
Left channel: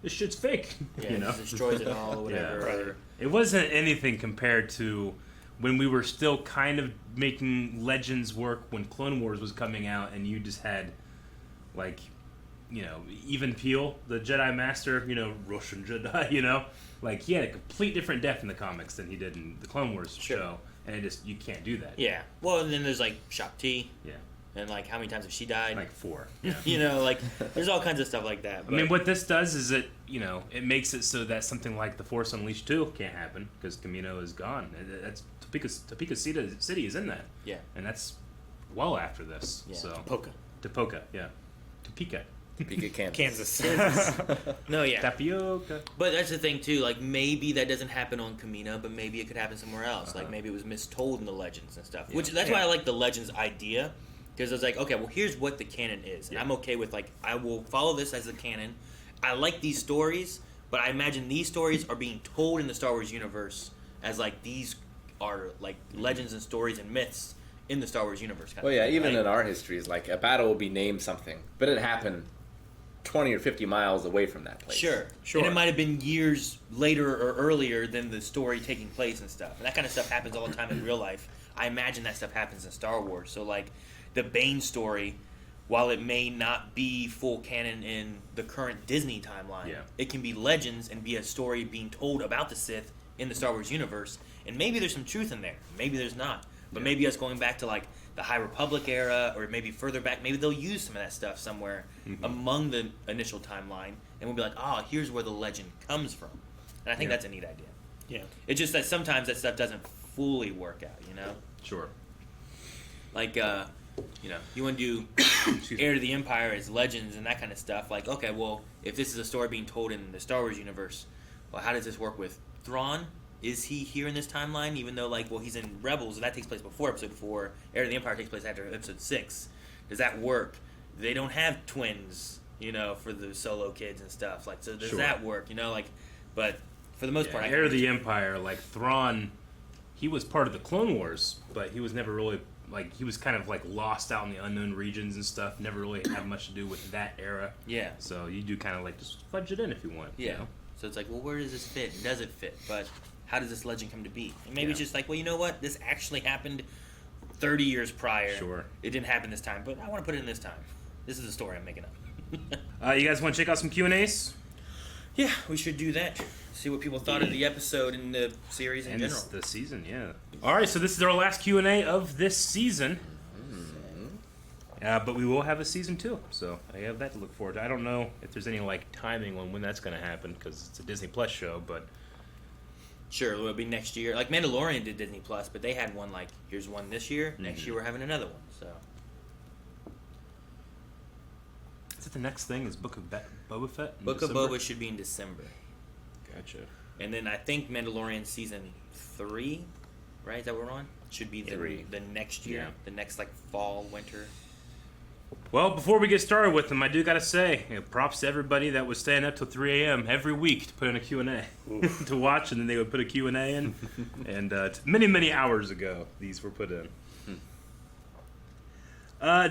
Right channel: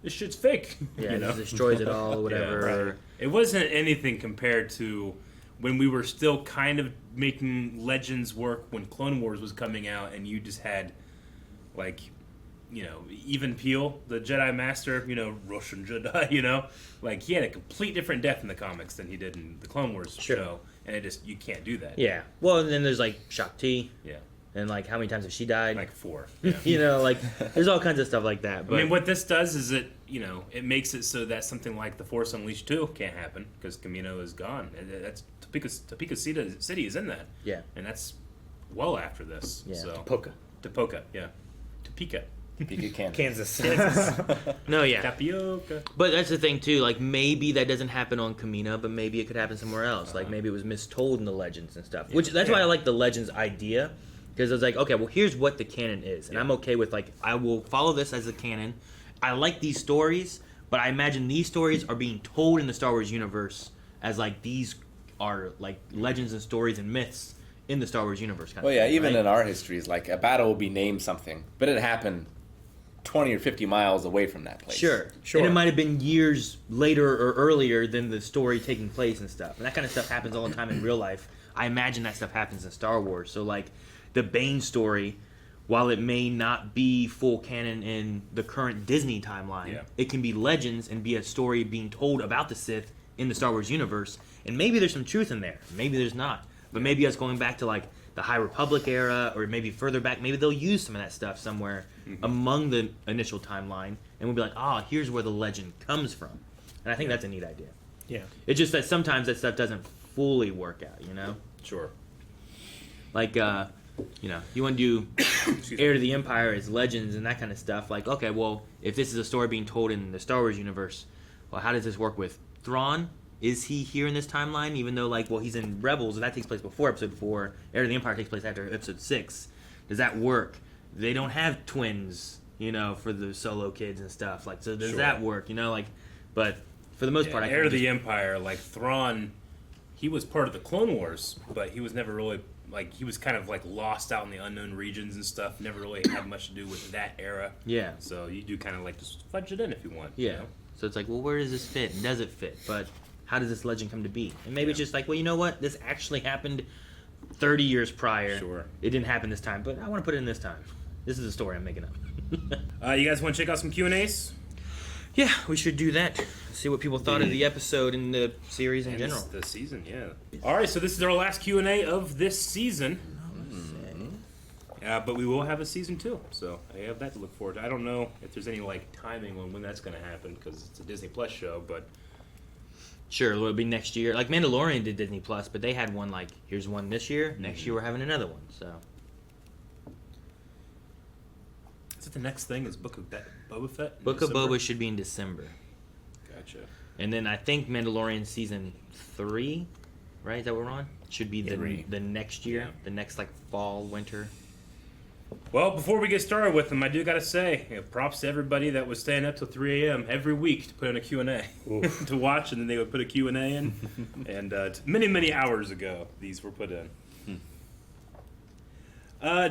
shit's fake. Yeah, it destroys it all, or whatever. Yeah, right. It wasn't anything compared to when we were still kind of making Legends work when Clone Wars was coming out, and you just had like, even Peel, the Jedi Master, Russian Jedi, like he had a complete different depth in the comics than he did in the Clone Wars show, and you can't do that. Yeah. Well, and then there's like Shakti. Yeah. And like how many times has she died? Like 4. Yeah. Like there's all kinds of stuff like that. But I mean, what this does is it makes it so that something like the Force Unleashed 2 can't happen because Kamino is gone, and that's Topeka City is in that. Yeah. And that's well after this. Yeah. So Topeka. Yeah. Topeka, Kansas. No, yeah. Tapioca. But that's the thing too. Like maybe that doesn't happen on Kamino, but maybe it could happen somewhere else. Like maybe it was mistold in the Legends and stuff. Which that's why I like the Legends idea, because I was like, okay, well here's what the canon is, and I'm okay with like I will follow this as a canon. I like these stories, but I imagine these stories are being told in the Star Wars universe as like these are like legends and stories and myths in the Star Wars universe. Well, yeah, even in our histories, like a battle will be named something, but it happened 20 or 50 miles away from that place. Sure. And it might have been years later or earlier than the story taking place and stuff. And that kind of stuff happens all the time in real life. I imagine that stuff happens in Star Wars. So, like, the Bane story, while it may not be full canon in the current Disney timeline, it can be legends and be a story being told about the Sith in the Star Wars universe. And maybe there's some truth in there. Maybe there's not. But maybe us going back to, like, the High Republic era, or maybe further back, maybe they'll use some of that stuff somewhere among the initial timeline, and we'll be like, here's where the legend comes from. And I think that's a neat idea. Yeah. It's just that sometimes that stuff doesn't fully work out, Sure. Like, you want to do Heir to the Empire as legends and that kind of stuff. Like, okay, well, if this is a story being told in the Star Wars universe, well, how does this work with Thrawn? Is he here in this timeline? Even though, like, well, he's in Rebels, and that takes place before Episode 4. Heir to the Empire takes place after Episode 6. Does that work? They don't have twins, for the Solo kids and stuff. Like, so does that work? But for the most part, Heir to the Empire, like Thrawn, he was part of the Clone Wars, but he was never really he was kind of like lost out in the unknown regions and stuff. Never really had much to do with that era. Yeah. So you do kind of like just fudge it in if you want. Yeah. So it's like, well, where does this fit? Does it fit? But how does this legend come to be? And maybe it's just like, well, you know what? This actually happened 30 years prior. Sure. It didn't happen this time, but I want to put it in this time. This is a story I'm making up. You guys want to check out some Q&As? Yeah, we should do that. See what people thought of the episode and the series in general. The season, yeah. All right, so this is our last Q&A of this season. But we will have a season 2, so I have that to look forward to. I don't know if there's any timing on when that's going to happen because it's a Disney Plus show, but sure, it'll be next year. Like Mandalorian did Disney Plus, but they had one here's one this year. Next year we're having another one. So is it the next thing? Is Book of Boba Fett? Book of Boba should be in December. Gotcha. And then I think Mandalorian season 3, right? Is that what we're on? should be Three. the next year, Yeah. the next like fall, winter. Well, before we get started with them, I do gotta say, props to everybody that was staying up till 3 a.m. every week to put in a Q&A to watch, and then they would put a Q&A in. And many hours ago, these were put in.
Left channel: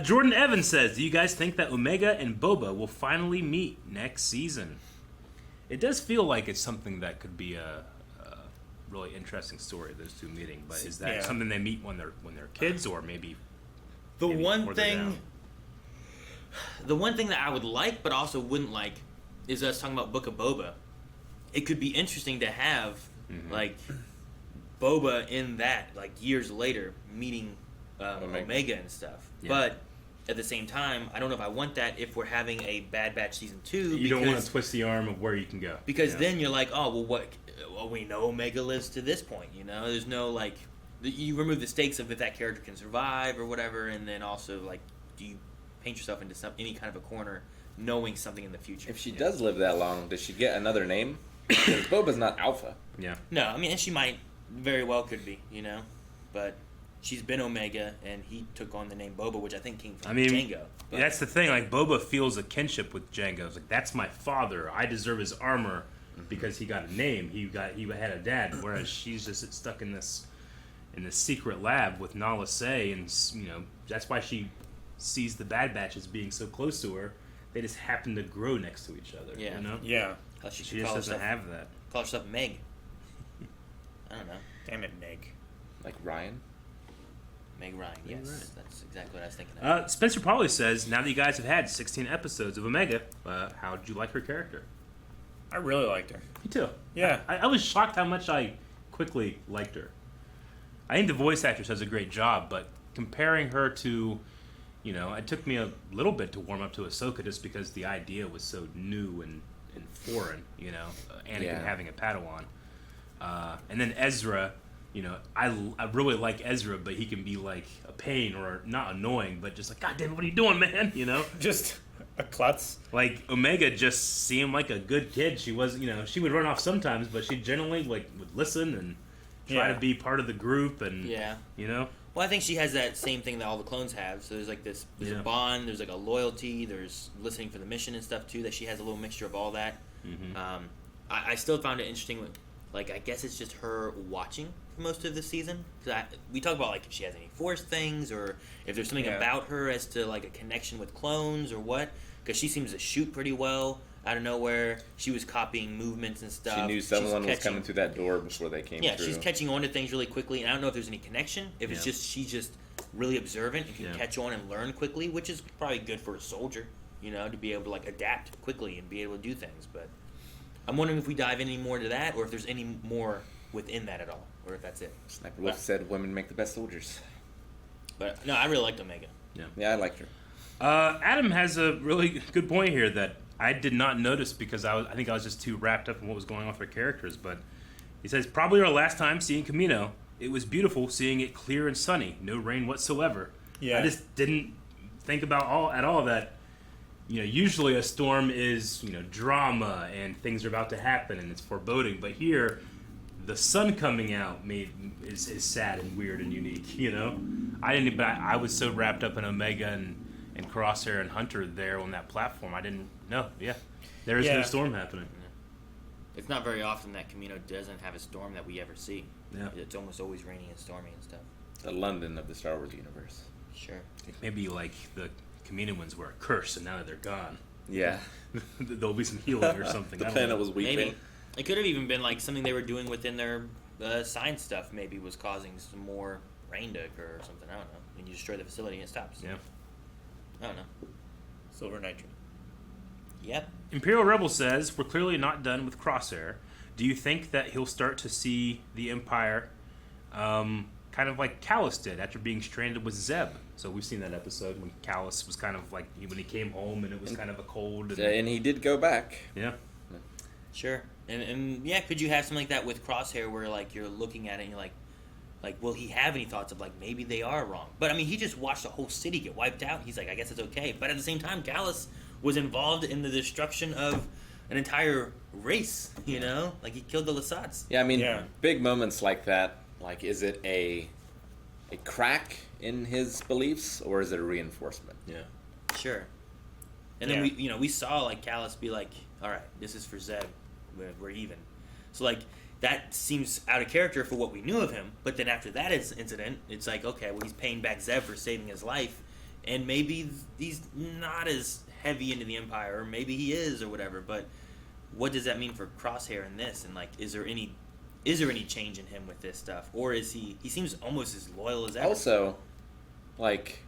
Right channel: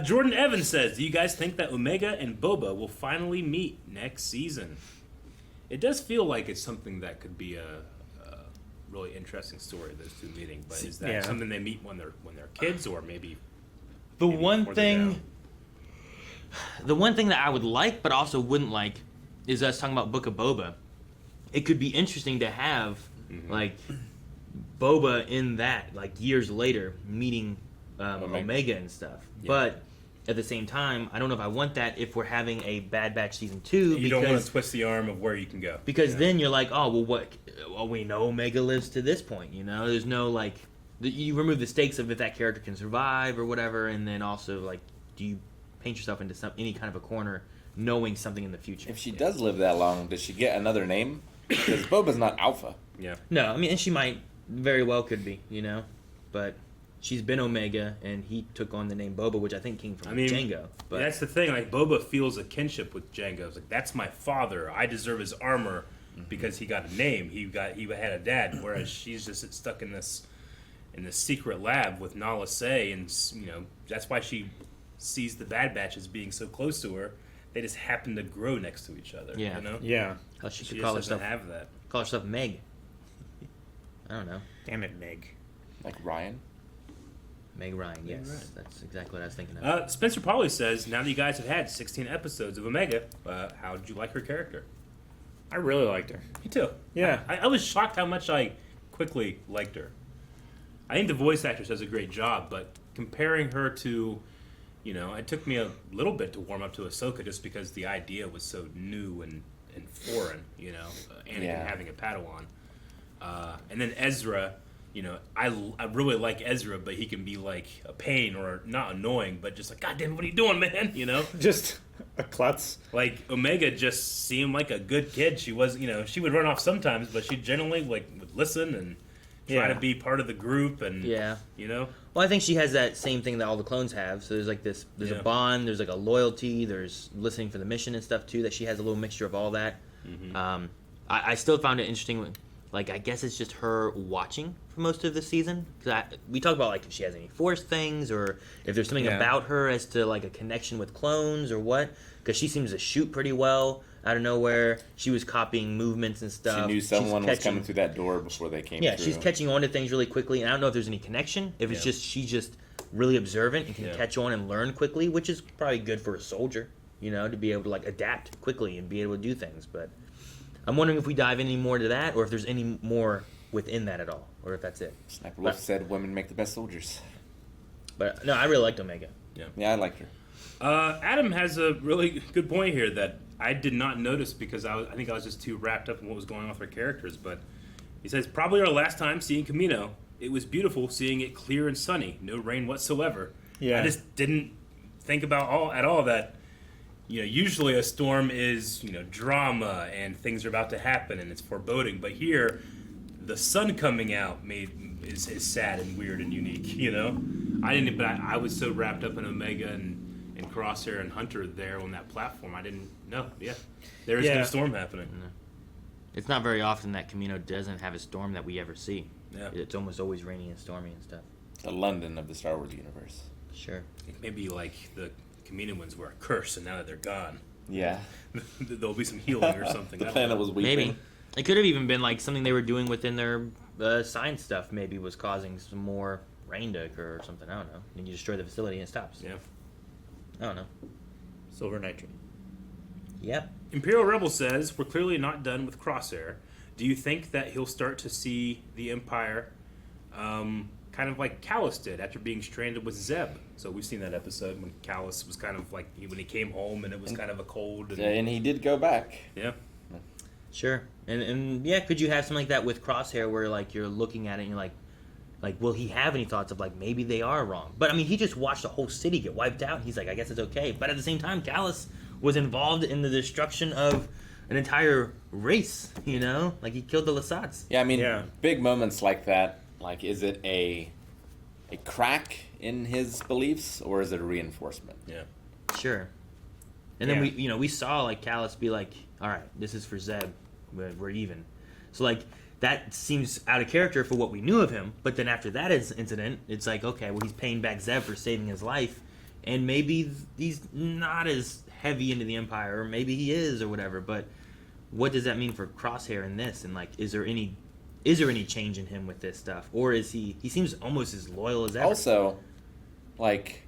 Jordan Evans says, do you guys think that Omega and Boba will finally meet next season? It does feel like it's something that could be a really interesting story, those two meeting. But is that something they meet when they're kids, or maybe The maybe one further thing, down? the one thing that I would like, but also wouldn't like, is us talking about Book of Boba. It could be interesting to have like Boba in that, like years later, meeting Omega and stuff. Yeah. But at the same time, I don't know if I want that if we're having a Bad Batch season 2. You don't want to twist the arm of where you can go. Because then you're like, oh, well, what? Well, we know Omega lives to this point, you know? There's no, like... You remove the stakes of if that character can survive or whatever, and then also, like, do you paint yourself into any kind of a corner knowing something in the future? If she does live that long, does she get another name? Because Boba's not Alpha. Yeah. No, I mean, and she might very well could be, you know? But she's been Omega, and he took on the name Boba, which I think came from Jango. But That's the thing. Like, Boba feels a kinship with Jango. It's like, that's my father. I deserve his armor because he got a name. He had a dad. Whereas she's just stuck in this secret lab with Nala Se, and that's why she sees the Bad Batch as being so close to her. They just happen to grow next to each other. Yeah. You know? Yeah. she She could just call doesn't herself, have that. call herself Meg. I don't know. Damn it, Meg. Like Ryan? Meg Ryan, yes. Ryan. That's exactly what I was thinking of. Spencer Pauly says, now that you guys have had 16 episodes of Omega, how did you like her character? I really liked her. Me too. Yeah. I was shocked how much I quickly liked her. I think the voice actress does a great job, but comparing her to, it took me a little bit to warm up to Ahsoka just because the idea was so new and foreign, Anakin having a Padawan. And then Ezra, I really like Ezra, but he can be like a pain or not annoying, but just like, God damn, what are you doing, man? Just a klutz. Like, Omega just seemed like a good kid. She was, she would run off sometimes, but she generally would listen and try to be part of the group and, Well, I think she has that same thing that all the clones have. So there's like there's a bond, there's like a loyalty, there's listening for the mission and stuff too, that she has a little mixture of all that. Mm-hmm. I still found it interesting, like, I guess it's just her watching for most of the season. Because we talk about, like, if she has any Force things, or if there's something about her as to, like, a connection with clones or what. Because she seems to shoot pretty well out of nowhere. She was copying movements and stuff. She knew someone was coming through that door before they came through. Yeah, she's catching on to things really quickly, and I don't know if there's any connection. If it's just she's just really observant and can catch on and learn quickly, which is probably good for a soldier, to be able to, like, adapt quickly and be able to do things. But I'm wondering if we dive any more to that, or if there's any more within that at all, or if that's it. Sniper Wolf said women make the best soldiers. But no, I really liked Omega. Yeah, I liked her. Adam has a really good point here that I did not notice because I think I was just too wrapped up in what was going on with her characters. But he says, probably our last time seeing Kamino, it was beautiful seeing it clear and sunny, no rain whatsoever. Yeah. I just didn't think about at all that, usually a storm is, drama and things are about to happen and it's foreboding. But here, the sun coming out is sad and weird and unique, I was so wrapped up in Omega and Crosshair and Hunter there on that platform. I didn't know. Yeah, there is no storm happening. It's not very often that Kamino doesn't have a storm that we ever see. Yeah, it's almost always raining and stormy and stuff. The London of the Star Wars universe. Sure. Maybe like the Kaminoans were a curse, and now that they're gone, yeah, there'll be some healing or something. The planet was weeping. Maybe it could have even been like something they were doing within their science stuff. Maybe was causing some more rain to occur or something. I don't know. And you destroy the facility and it stops. Yeah. I don't know. Silver nitrate. Yep. Imperial Rebel says, we're clearly not done with Crosshair. Do you think that he'll start to see the Empire kind of like Callus did after being stranded with Zeb? So we've seen that episode when Callus was kind of like, when he came home and it was kind of a cold. And he did go back. Yeah. Sure. And yeah, could you have something like that with Crosshair where, like, you're looking at it and you're like, will he have any thoughts of, like, maybe they are wrong? But, I mean, he just watched a whole city get wiped out. He's like, I guess it's okay. But at the same time, Callus was involved in the destruction of an entire race, Like, he killed the Lasats. Yeah, I mean, big moments like that, like, is it a a crack in his beliefs, or is it a reinforcement? Yeah. Sure. And then we saw like Callus be like, all right, this is for Zeb, we're even. So like that seems out of character for what we knew of him. But then after that incident, it's like, okay, well he's paying back Zeb for saving his life, and maybe he's not as heavy into the Empire, or maybe he is, or whatever. But what does that mean for Crosshair in this? And like, is there any change in him with this stuff, or is he seems almost as loyal as ever? Also, like,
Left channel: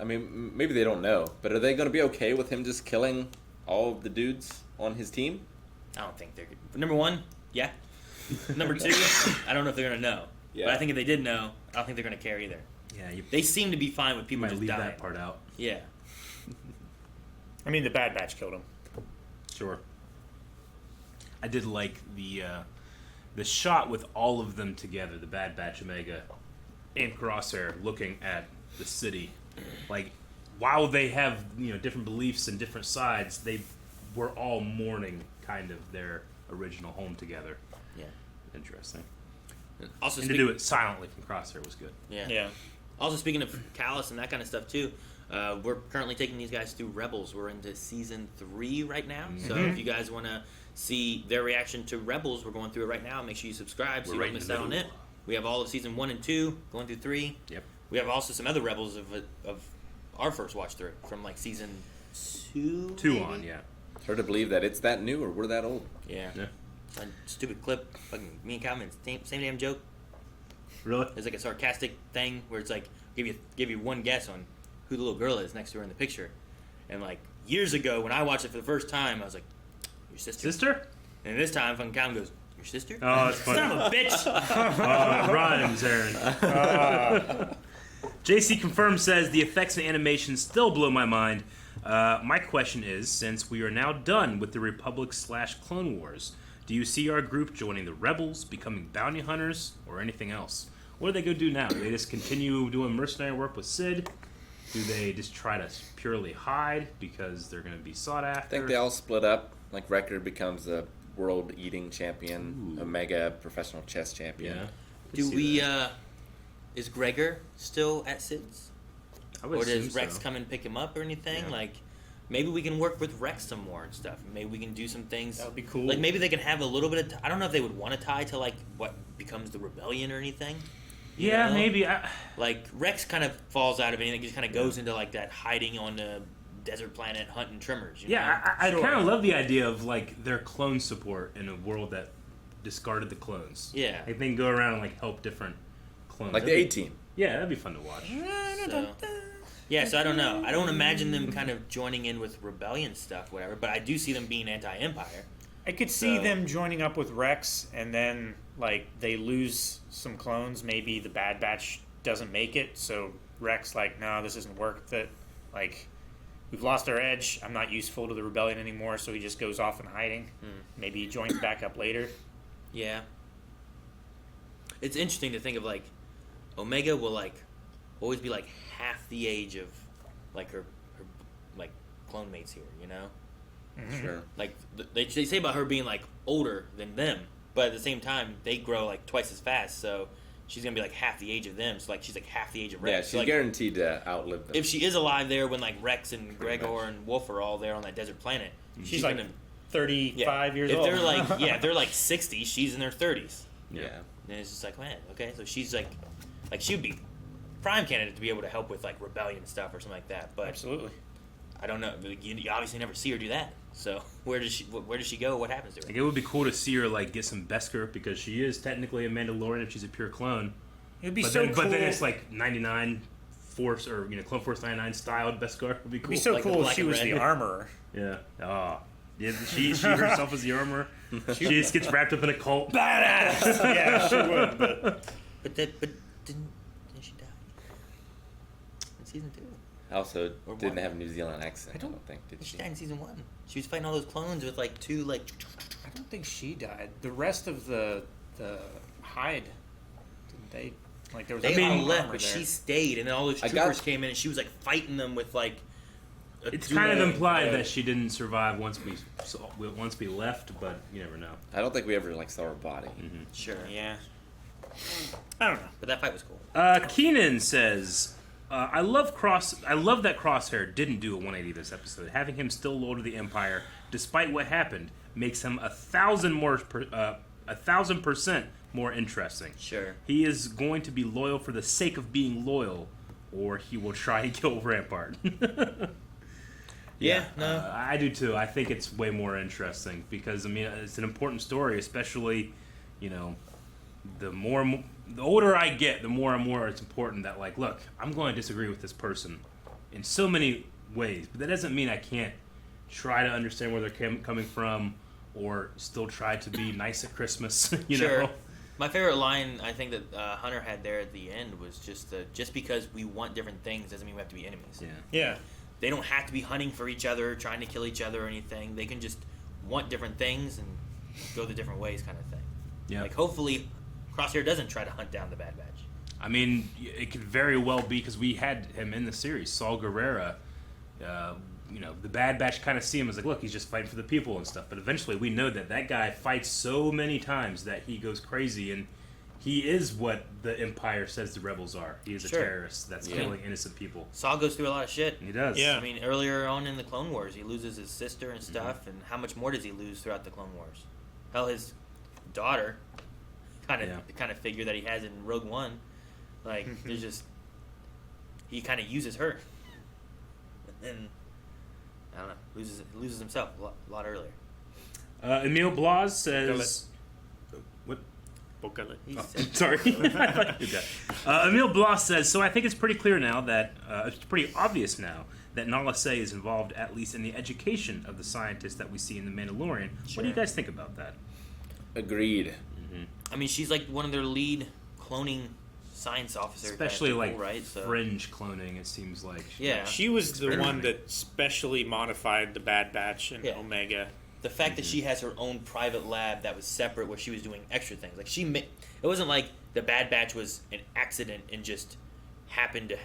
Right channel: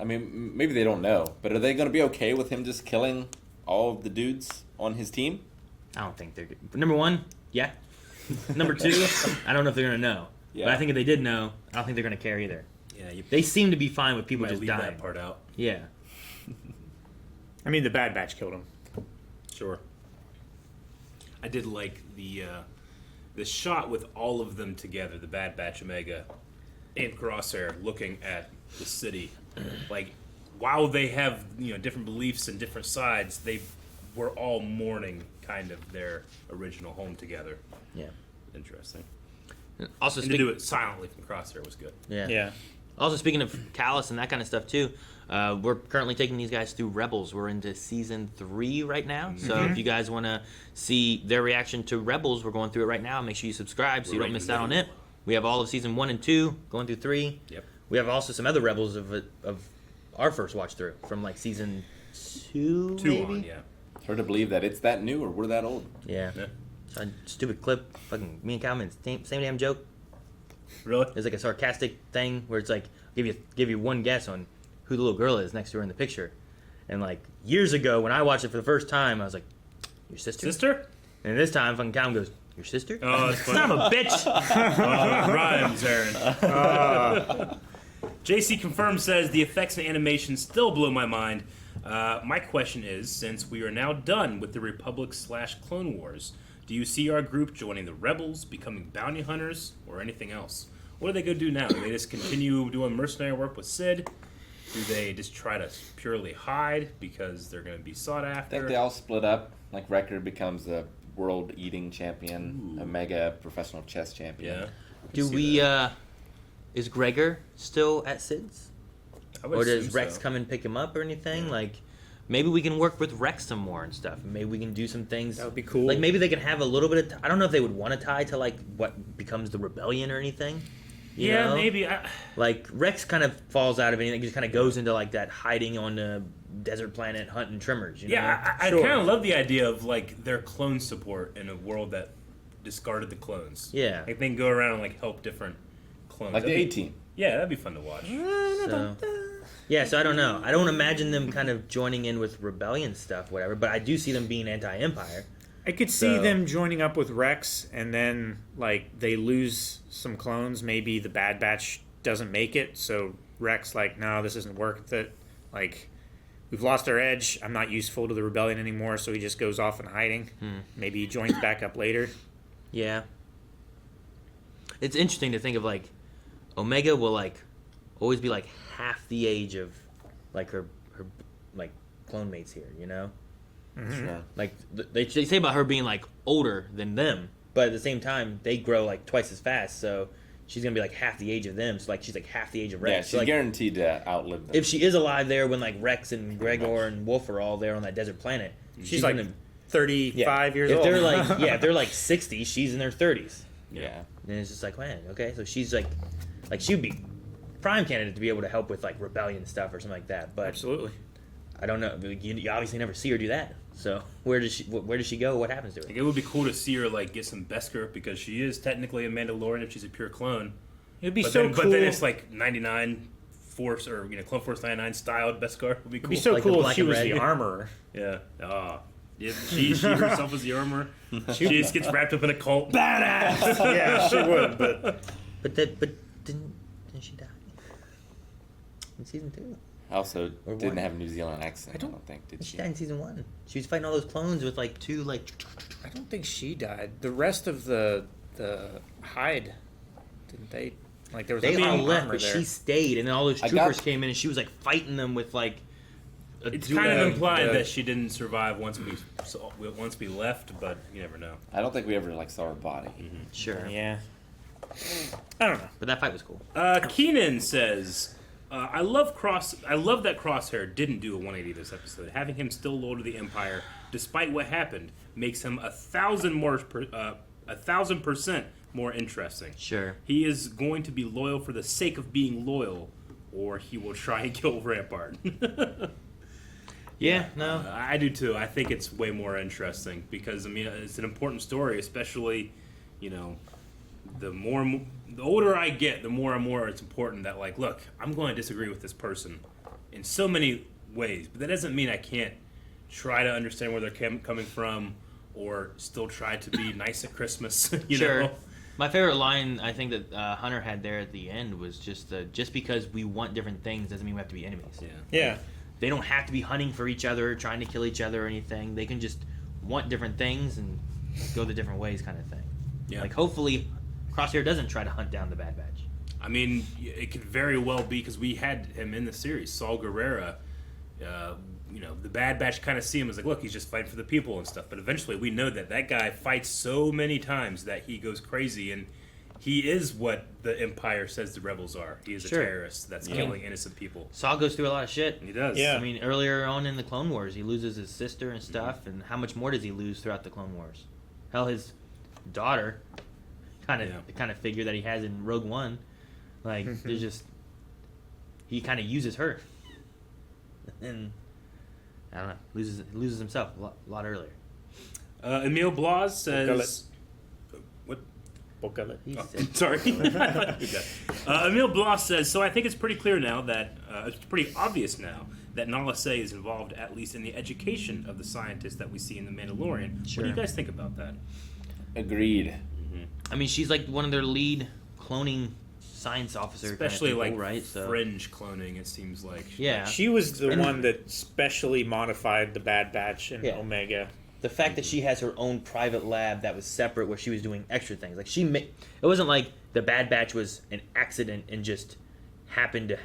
I mean, maybe they don't know, but are they going to be okay with him just killing all of the dudes on his team? I don't think they're good. Number one, yeah. Number two, I don't know if they're going to know. Yeah. But I think if they did know, I don't think they're going to care either. Yeah, They seem to be fine with people might just leave dying. that part out. Yeah. I mean, the Bad Batch killed him. Sure. I did like the shot with all of them together, the Bad Batch, Omega, and Crosshair, looking at the city. Like, while they have different beliefs and different sides, they were all mourning kind of their original home together. Yeah. Interesting. Also, and to do it silently from Crosshair was good. Yeah. Yeah. Also, speaking of Callus and that kind of stuff too, we're currently taking these guys through Rebels. We're into season 3 right now. So if you guys want to see their reaction to Rebels, we're going through it right now. Make sure you subscribe so you don't miss out on it. We have all of season 1 and 2 going through 3. Yep. We have also some other Rebels of our first watch through from like season 2. 2 maybe? on, yeah. Hard to believe that it's that new or we're that old. Yeah. A stupid clip. Fucking me and Calvin, same damn joke. Really? It's like a sarcastic thing where it's like give you one guess on who the little girl is next to her in the picture, and like years ago when I watched it for the first time, I was like, "Your sister?" Sister? And this time, fucking Calvin goes, "Your sister?" Oh, that's funny. Son of a bitch! Oh, it rhymes, Aaron. JC Confirmed says the effects and animation still blow my mind. My question is, since we are now done with the Republic/Clone Wars, do you see our group joining the Rebels, becoming bounty hunters, or anything else? What do they go do now? Do they just continue doing mercenary work with Sid? Do they just try to purely hide because they're going to be sought after? I think they all split up. Like Wrecker becomes a world eating champion, Omega professional chess champion. Yeah. Do we? Is Gregor still at Sid's? I would Or does assume Rex so. come and pick him up or anything? Yeah. Like, maybe we can work with Rex some more and stuff. Maybe we can do some things. That would be cool. Like, maybe they can have a little bit of... I don't know if they would want to tie to, like, what becomes the rebellion or anything. You Yeah, know? maybe. Like, Rex kind of falls out of anything. Just kind of goes into, like, that hiding on the desert planet hunting trimmers, you know? I kind of love the idea of, like, their clone support in a world that discarded the clones. Yeah. Like, they can go around and, like, help different clones. Like the That'd be- A-Team. Yeah, that'd be fun to watch. So I don't know. I don't imagine them kind of joining in with rebellion stuff, whatever, but I do see them being anti-Empire. I could see them joining up with Rex, and then like they lose some clones. Maybe the Bad Batch doesn't make it, so Rex like, no, this isn't worth it. Like, we've lost our edge. I'm not useful to the rebellion anymore, so he just goes off in hiding. Maybe he joins back up later. Yeah. It's interesting to think of, like, Omega will, like, always be, like, half the age of, like, her like, clone mates here, you know? Sure. Like, they say about her being, like, older than them, but at the same time, they grow, like, twice as fast, so she's gonna be, like, half the age of them, so, like, she's, like, half the age of Rex. Yeah, she's like, guaranteed to outlive them. if she is alive there when, like, Rex and Gregor and Wolf are all there on that desert planet, She's like gonna... 35 years if old. they're like if they're like 60, she's in their 30s. Yeah. And it's just like, man, okay, so she's like she'd be prime candidate to be able to help with like rebellion stuff or something like that. But Absolutely. I don't know. You obviously never see her do that. So where does she go? What happens to her? Like, it would be cool to see her like get some Beskar because she is technically a Mandalorian if she's a pure clone. It'd be but so then, cool. But then it's like 99 Force or Clone Force 99 styled Beskar would be cool. It'd be so Like the cool if black she and was red. the armorer. Yeah. Oh. Yeah, she herself is the armor. She just gets wrapped up in a cult. Badass. Yeah, she would. But didn't she die in season 2? Also, Or didn't one. have a New Zealand accent, I don't think, did She she? died in season 1. She was fighting all those clones with like 2 like. I don't think she died. The rest of the hide, didn't they? Like there was They a lot all of left, armor but there. she stayed, and then all those I troopers got- came in, and she was like fighting them with like. It's kind of implied that she didn't survive once we left, but you never know. I don't think we ever like saw her body. Sure. Yeah. I don't know. But that fight was cool. Keenan says, I love that Crosshair didn't do a 180 this episode. Having him still loyal to the Empire, despite what happened, makes him 1,000% more interesting. Sure. He is going to be loyal for the sake of being loyal, or he will try and kill Rampart. Yeah, no. I do too. I think it's way more interesting because, I mean, it's an important story, especially, you know, the older I get, the more and more it's important that, like, look, I'm going to disagree with this person in so many ways, but that doesn't mean I can't try to understand where they're coming from or still try to be nice at Christmas, you know? My favorite line I think that Hunter had there at the end was just because we want different things doesn't mean we have to be enemies. Yeah. They don't have to be hunting for each other, trying to kill each other or anything. They can just want different things and go the different ways kind of thing. Yeah. Like, hopefully, Crosshair doesn't try to hunt down the Bad Batch. I mean, it could very well be because we had him in the series, Saul Guerrera. You know, the Bad Batch kind of see him as like, look, he's just fighting for the people and stuff. But eventually, we know that guy fights so many times that he goes crazy, and he is what the Empire says the rebels are. He is a terrorist that's killing innocent people. Saul goes through a lot of shit. He does. Yeah. I mean, earlier on in the Clone Wars, he loses his sister and stuff, and how much more does he lose throughout the Clone Wars? Hell, his daughter, kind of figure that he has in Rogue One, like there's just he kind of uses her, and I don't know, loses himself a lot earlier. Emil Blas says, "What? Sorry." Emil Blas says, "So I think it's pretty clear now that it's pretty obvious now that Nala Se is involved at least in the education of the scientists that we see in The Mandalorian. What do you guys think about that?" Agreed. I mean, she's like one of their lead cloning science officers, especially kind of people, like right? So, fringe cloning. It seems like she was the one that specially modified the Bad Batch and Omega. The fact that she has her own private lab that was separate, where she was doing extra things, like it wasn't like the Bad Batch was an accident and just happened to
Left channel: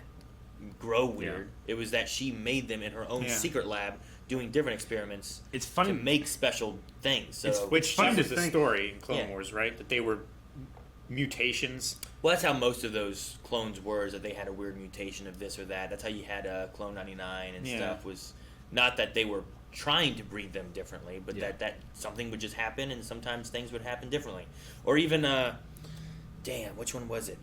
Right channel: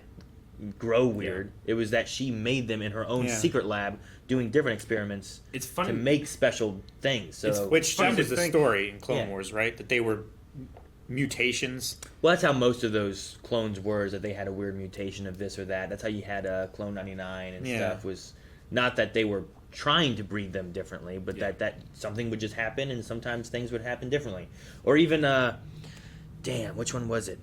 grow weird. It was that she made them in her own secret lab, doing different experiments. It's funny to make special things. So which was the story in Clone Wars, right? That they were mutations. Well, that's how most of those clones were, is that they had a weird mutation of this or that. That's how you had Clone 99 and stuff. Was not that they were trying to breed them differently, but that something would just happen, and sometimes things would happen differently. Or even, which one was it?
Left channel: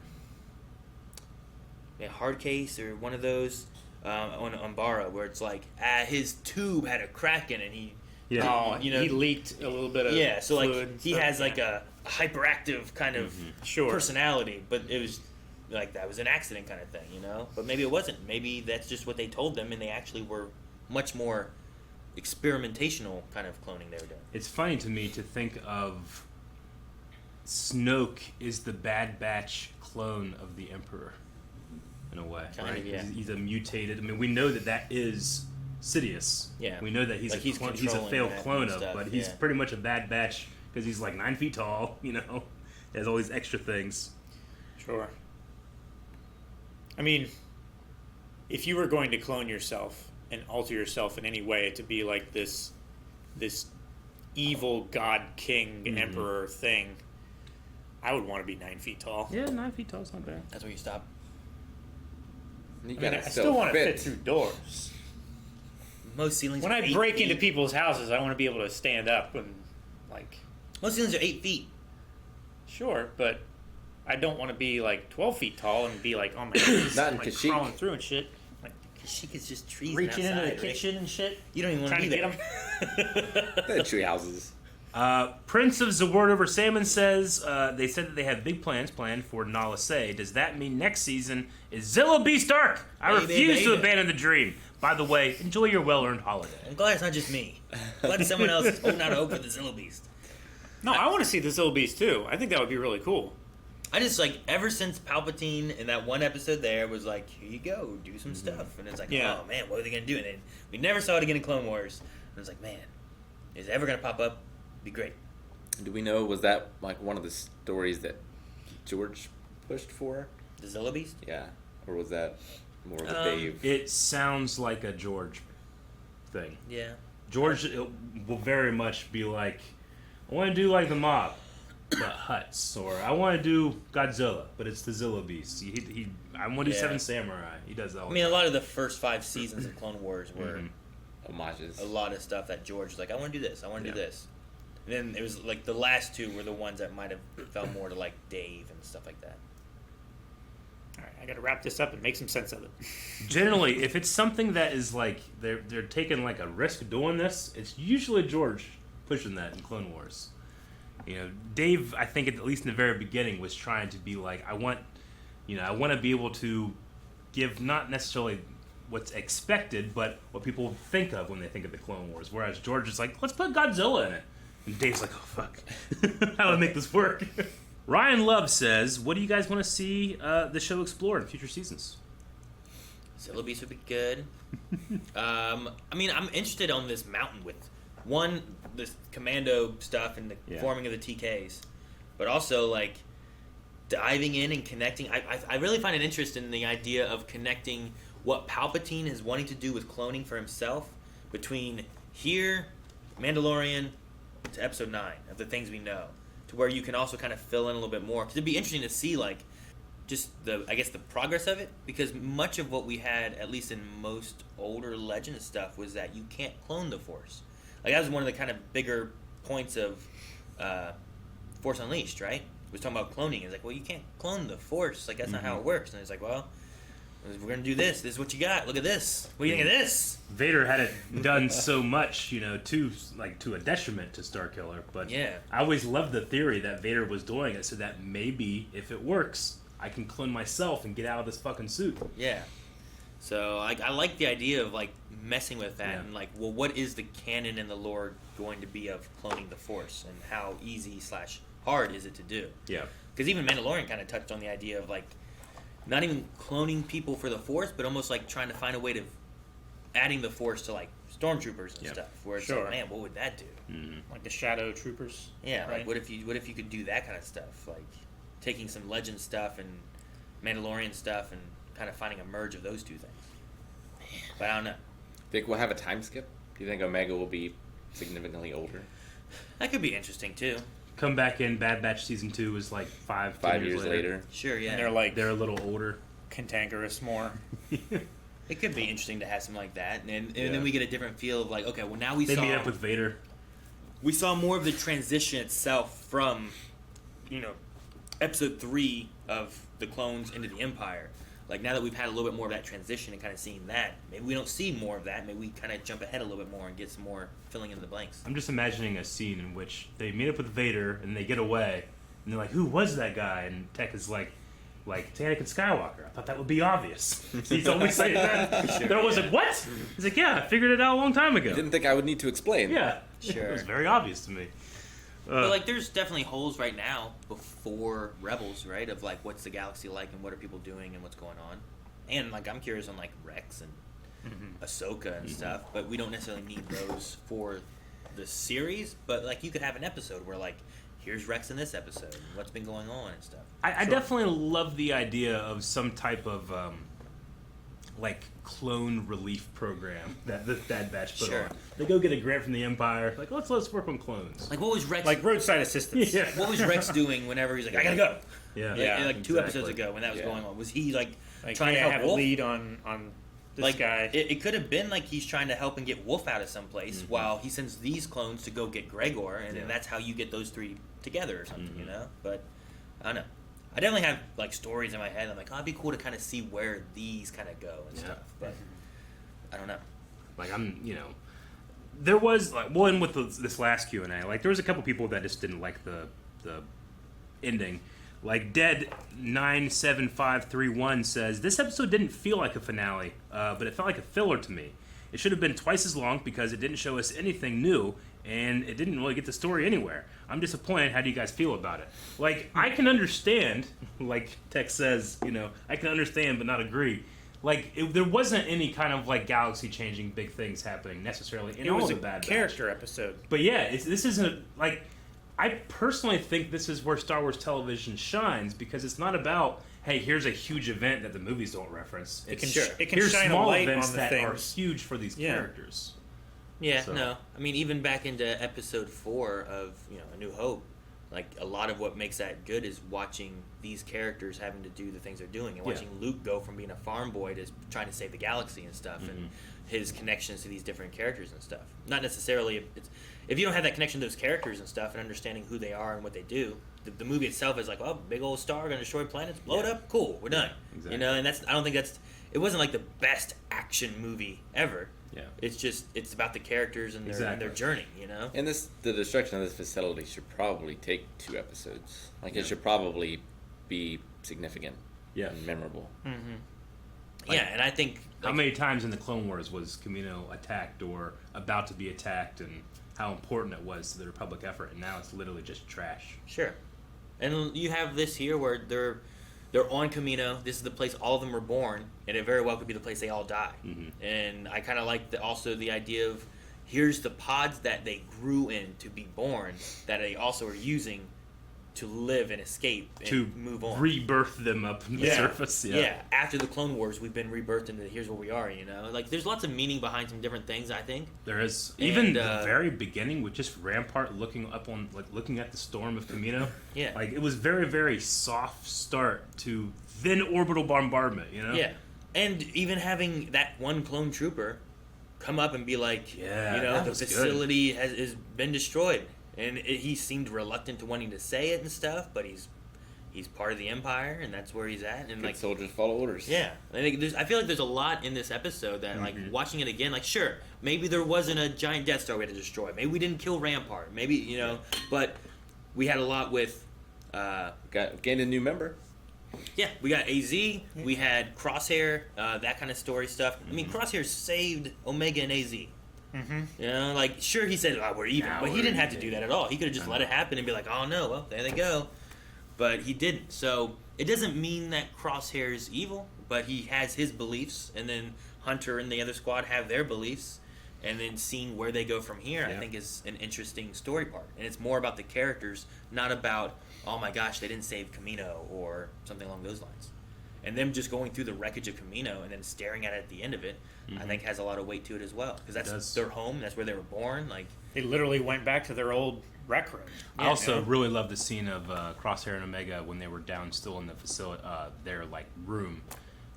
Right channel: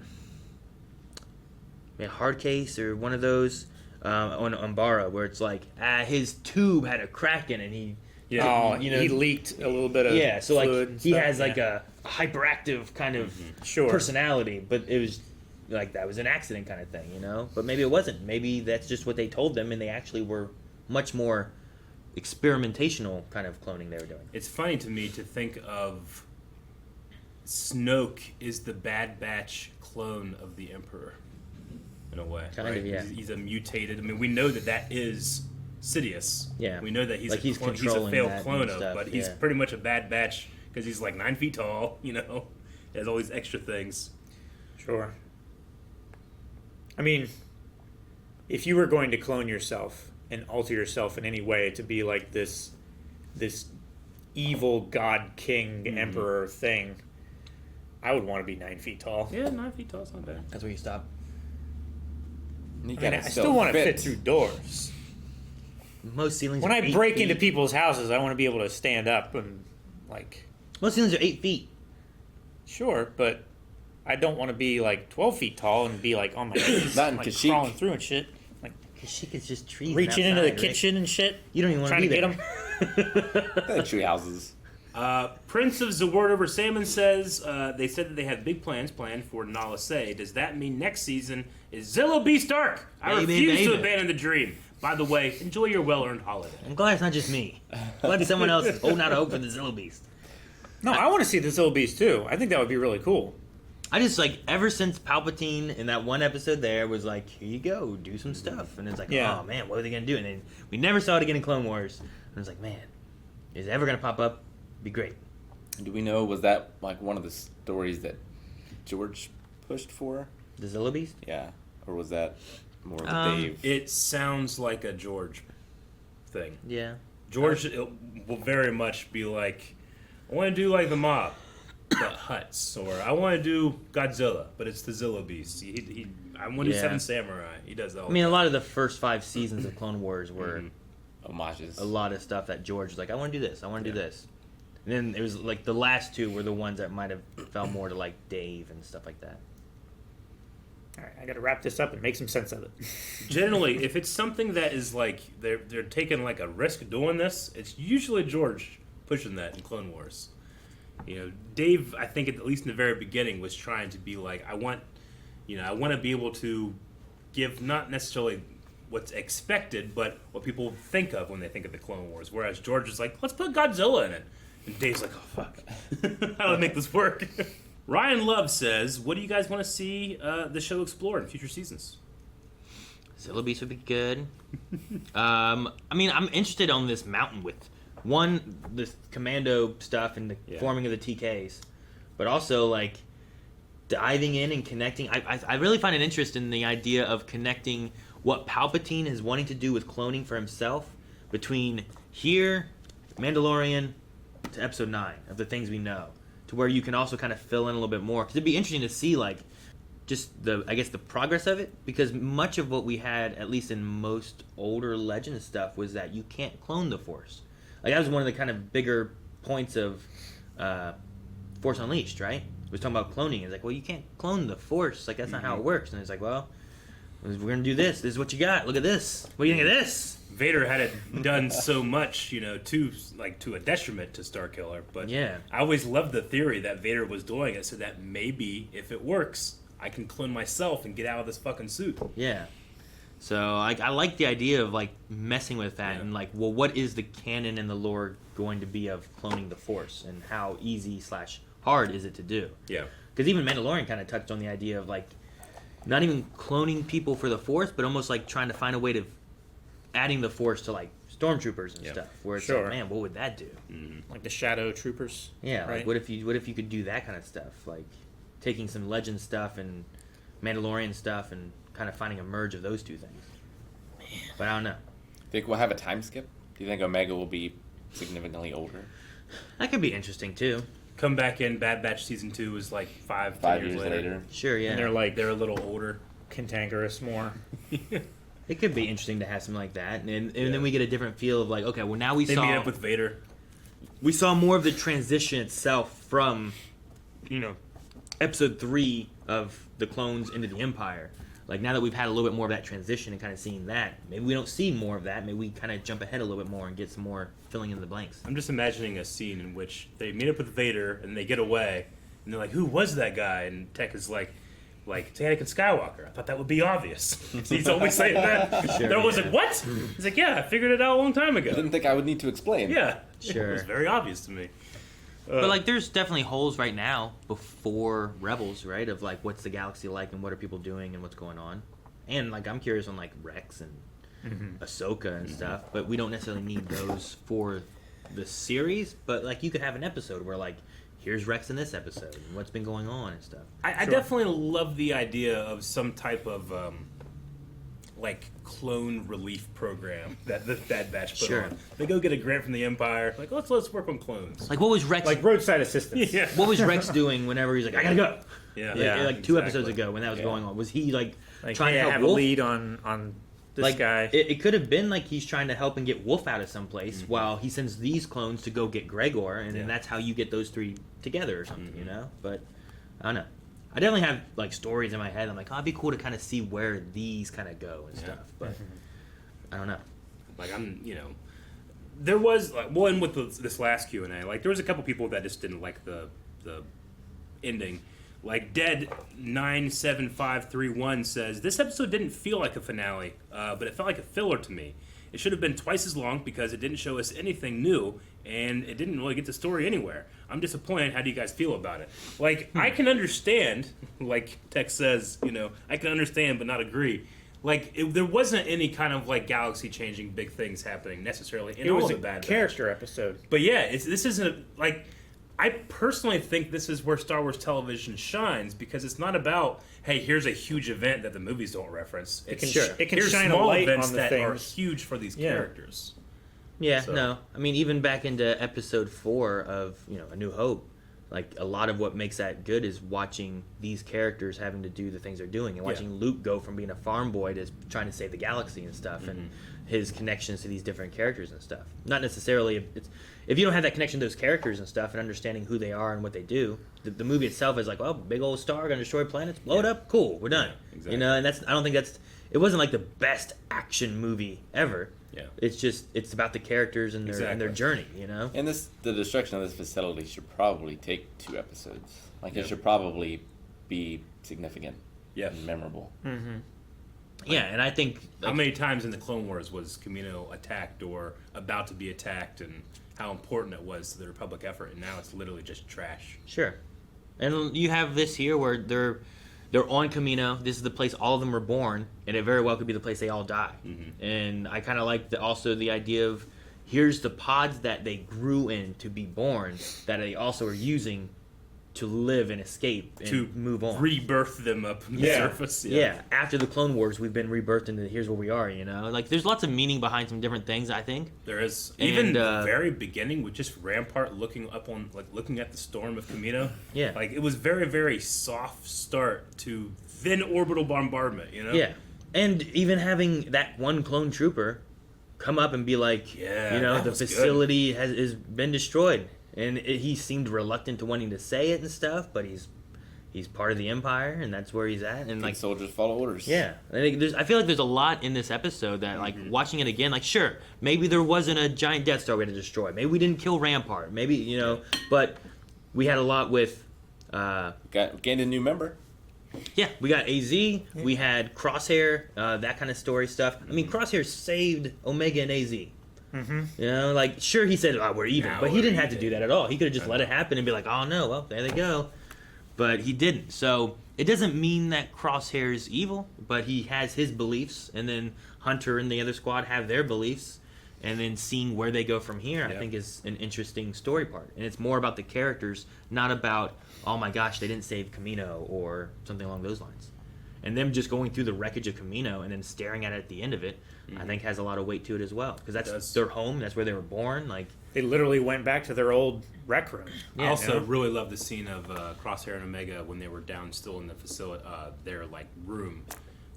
Hard Case or one of those on Umbara, where it's like his tube had a crack in it. And he leaked a little bit of so like he has like a hyperactive kind of personality, but it was like that was an accident kind of thing, you know. But maybe it wasn't. Maybe that's just what they told them, and they actually were much more experimentational kind of cloning they were doing. It's funny to me to think of Snoke is the Bad Batch clone of the Emperor. In a way, kind of, yeah. He's a mutated. I mean, we know that is Sidious. Yeah, we know that he's like he's a failed clone of, but he's pretty much a Bad Batch because he's like 9 feet tall. You know, he has all these extra things. Sure. I mean, if you were going to clone yourself and alter yourself in any way to be like this evil god king emperor thing, I would want to be 9 feet tall. Yeah, 9 feet tall is not bad. That's where you stop. I still want to fit through doors. Most ceilings. When I break into people's houses, I want to be able to stand up and like. Most ceilings are 8 feet. Sure, but I don't want to be like 12 feet tall and be like on my knees, not in like Kashyyyk. crawling through and shit. Like Kashyyyk is just trees. Reaching into the kitchen and shit. You don't even want to be get them. Tree houses. Prince of Zaward over Salmon says they said that they have big plans planned for Nala Se. Does that mean next season is Zillo Beast arc? I refuse to abandon the dream. By the way, enjoy your well-earned holiday. I'm glad it's not just me. I'm glad someone else is holding out hope for the Zillo Beast. No, I want to see the Zillo Beast too. I think that would be really cool. I just like ever since Palpatine in that one episode there was like, here you go, do some stuff, and it's like, oh man, what are they gonna do? And then we never saw it again in Clone Wars. And it's like, man, is it ever gonna pop up? Be great. Do we know, was that like one of the stories that George pushed for? The Zillo Beast? Yeah. Or was that more of a Dave? It sounds like a George thing. Yeah. George will very much be like, I want to do like the mob. the Hutts, or I want to do Godzilla, but it's the Zilla Beast. I want to do Seven Samurai. He does that. I mean, a lot of the first 5 seasons of Clone Wars were homages. A lot of stuff that George was like, I want to do this, I want to do this. And then it was like the last 2 were the ones that might have felt more to like Dave and stuff like that. All right, I got to wrap this up and make some sense of it. Generally, if it's something that is like they're taking like a risk doing this, it's usually George pushing that in Clone Wars. You know, Dave, I think at least in the very beginning, was trying to be like, I want to be able to give not necessarily what's expected, but what people think of when they think of the Clone Wars. Whereas George is like, let's put Godzilla in it. And Dave's like, oh, fuck. How do I make this work? Ryan Love says, what do you guys want to see the show explore in future seasons? Zilla Beast would be good. I mean, I'm interested on this mountain with, one, this commando stuff and the forming of the TKs, but also, like, diving in and connecting. I really find an interest in the idea of connecting what Palpatine is wanting to do with cloning for himself between here, Mandalorian, to Episode 9 of the things we know, to where you can also kind of fill in a little bit more. Because it'd be interesting to see, like, just the progress of it, because much of what we had, at least in most older Legends stuff, was that you can't clone the Force. Like, that was one of the kind of bigger points of Force Unleashed, right? It was talking about cloning. It's like, well, you can't clone the Force. Like, that's not how it works. And it's like, well, we're going to do this. This is what you got. Look at this. What do you think of this? Vader had it done so much, to a detriment to Starkiller. But yeah, I always loved the theory that Vader was doing it so that maybe, if it works, I can clone myself and get out of this fucking suit. Yeah. So I like the idea of like messing with that and like, well, what is the canon and the lore going to be of cloning the Force, and how easy / hard is it to do? Yeah. Because even Mandalorian kind of touched on the idea of like not even cloning people for the Force, but almost like trying to find a way to adding the Force to like stormtroopers and stuff. Where it's like, man, what would that do? Like the Shadow Troopers. Yeah. Right? Like what if you could do that kind of stuff, like taking some Legend stuff and Mandalorian stuff and kind of finding a merge of those two things. But I don't know. Think we'll have a time skip? Do you think Omega will be significantly older? That could be interesting too. Come back in Bad Batch Season 2 is like 5 years later. Sure, yeah. And they're a little older. Cantankerous more. It could be interesting to have something like that. And then we get a different feel of like, okay, well now they meet up with Vader. We saw more of the transition itself from, Episode 3 of the clones into the Empire. Like, now that we've had a little bit more of that transition and kind of seeing that, maybe we don't see more of that. Maybe we kind of jump ahead a little bit more and get some more filling in the blanks. I'm just imagining a scene in which they meet up with Vader and they get away, and they're like, who was that guy? And Tech is like, it's Anakin Skywalker. I thought that would be obvious. He's always saying that. They're always like, what? He's like, yeah, I figured it out a long time ago. You didn't think I would need to explain. Yeah. Sure. It was very obvious to me. But, like, there's definitely holes right now before Rebels, right? Of, like, what's the galaxy like and what are people doing and what's going on. And, like, I'm curious on, like, Rex and Ahsoka and stuff. But we don't necessarily need those for the series. But, like, you could have an episode where, like, here's Rex in this episode and what's been going on and stuff. I definitely love the idea of some type of, clone relief program that the Bad Batch put on. They go get a grant from the Empire. Like, let's work on clones. Like, what was Rex... Like roadside assistance. Yeah. What was Rex doing whenever he's like, I gotta go? Yeah. Like 2 episodes ago when that was going on. Was he, like trying to help have Wolf? A lead on this guy. It could have been like he's trying to help and get Wolf out of someplace while he sends these clones to go get Gregor, and then that's how you get those 3 together or something, But I don't know. I definitely have like stories in my head. I'm like, it'd be cool to kind of see where these kind of go and stuff. But I don't know. Like, there was like one with this last Q&A. Like, there was a couple people that just didn't like the ending. Like, Dead 97531 says, this episode didn't feel like a finale, but it felt like a filler to me. It should have been twice as long because it didn't show us anything new, and it didn't really get the story anywhere. I'm disappointed. How do you guys feel about it? Like, I can understand, like Tex says, I can understand but not agree. Like, there wasn't any kind of, like, galaxy-changing big things happening necessarily in all the Bad Batch. It was a character episode. But yeah, this isn't, like, I personally think this is where Star Wars television shines, because it's not about, hey, here's a huge event that the movies don't reference. It can here's shine small a light events on the that things. are huge for these characters. Yeah, So. no. I mean, even back into Episode 4 of, A New Hope, like a lot of what makes that good is watching these characters having to do the things they're doing, and watching Luke go from being a farm boy to trying to save the galaxy and stuff, and his connections to these different characters and stuff. Not necessarily if you don't have that connection to those characters and stuff and understanding who they are and what they do, the movie itself is like, oh, big old star gonna destroy planets, blow it up, cool, we're done. Exactly. You know, and I don't think it wasn't like the best action movie ever. Yeah. It's about the characters and their journey, you know? And the destruction of this facility should probably take 2 episodes. Like, it should probably be significant and memorable. Yeah, and I think... How many times in the Clone Wars was Kamino attacked or about to be attacked, and how important it was to the Republic effort, and now it's literally just trash. Sure. And you have this here where they're on Kamino. This is the place all of them were born, and it very well could be the place they all die. And I kind of like also the idea of here's the pods that they grew in to be born that they also are using to live and escape and to move on. Rebirth them up on the surface. Yeah. After the Clone Wars, we've been rebirthed into here's where we are, you know? Like, there's lots of meaning behind some different things, I think. There is. Even the very beginning with just Rampart looking up on, like, looking at the storm of Kamino. Yeah. Like, it was very, very soft start to then orbital bombardment, you know? Yeah. And even having that one clone trooper come up and be like, you know, the facility has been destroyed. And he seemed reluctant to wanting to say it and stuff, but he's part of the Empire, and that's where he's at. And Good soldiers follow orders. Yeah, I feel like there's a lot in this episode that, like, watching it again, like, sure, maybe there wasn't a giant Death Star we had to destroy. Maybe we didn't kill Rampart. Maybe, you know, but we had a lot with. Gained a new member. Yeah, we got AZ. We had Crosshair, that kind of story stuff. I mean, Crosshair saved Omega and AZ. You know, like, sure, he said, oh, we're even, but he didn't have to do that at all. He could have just let it happen and be like, oh no, well, there they go. But he didn't. So it doesn't mean that Crosshair is evil, but he has his beliefs, and then Hunter and the other squad have their beliefs, and then seeing where they go from here, I think, is an interesting story part. And it's more about the characters, not about, oh my gosh, they didn't save Kamino or something along those lines. And them just going through the wreckage of Kamino and then staring at it at the end of it, I think has a lot of weight to it as well, because that's their home, that's where they were born. Like, they literally went back to their old rec room. I also really love the scene of Crosshair and Omega when they were down still in the facility, their like room,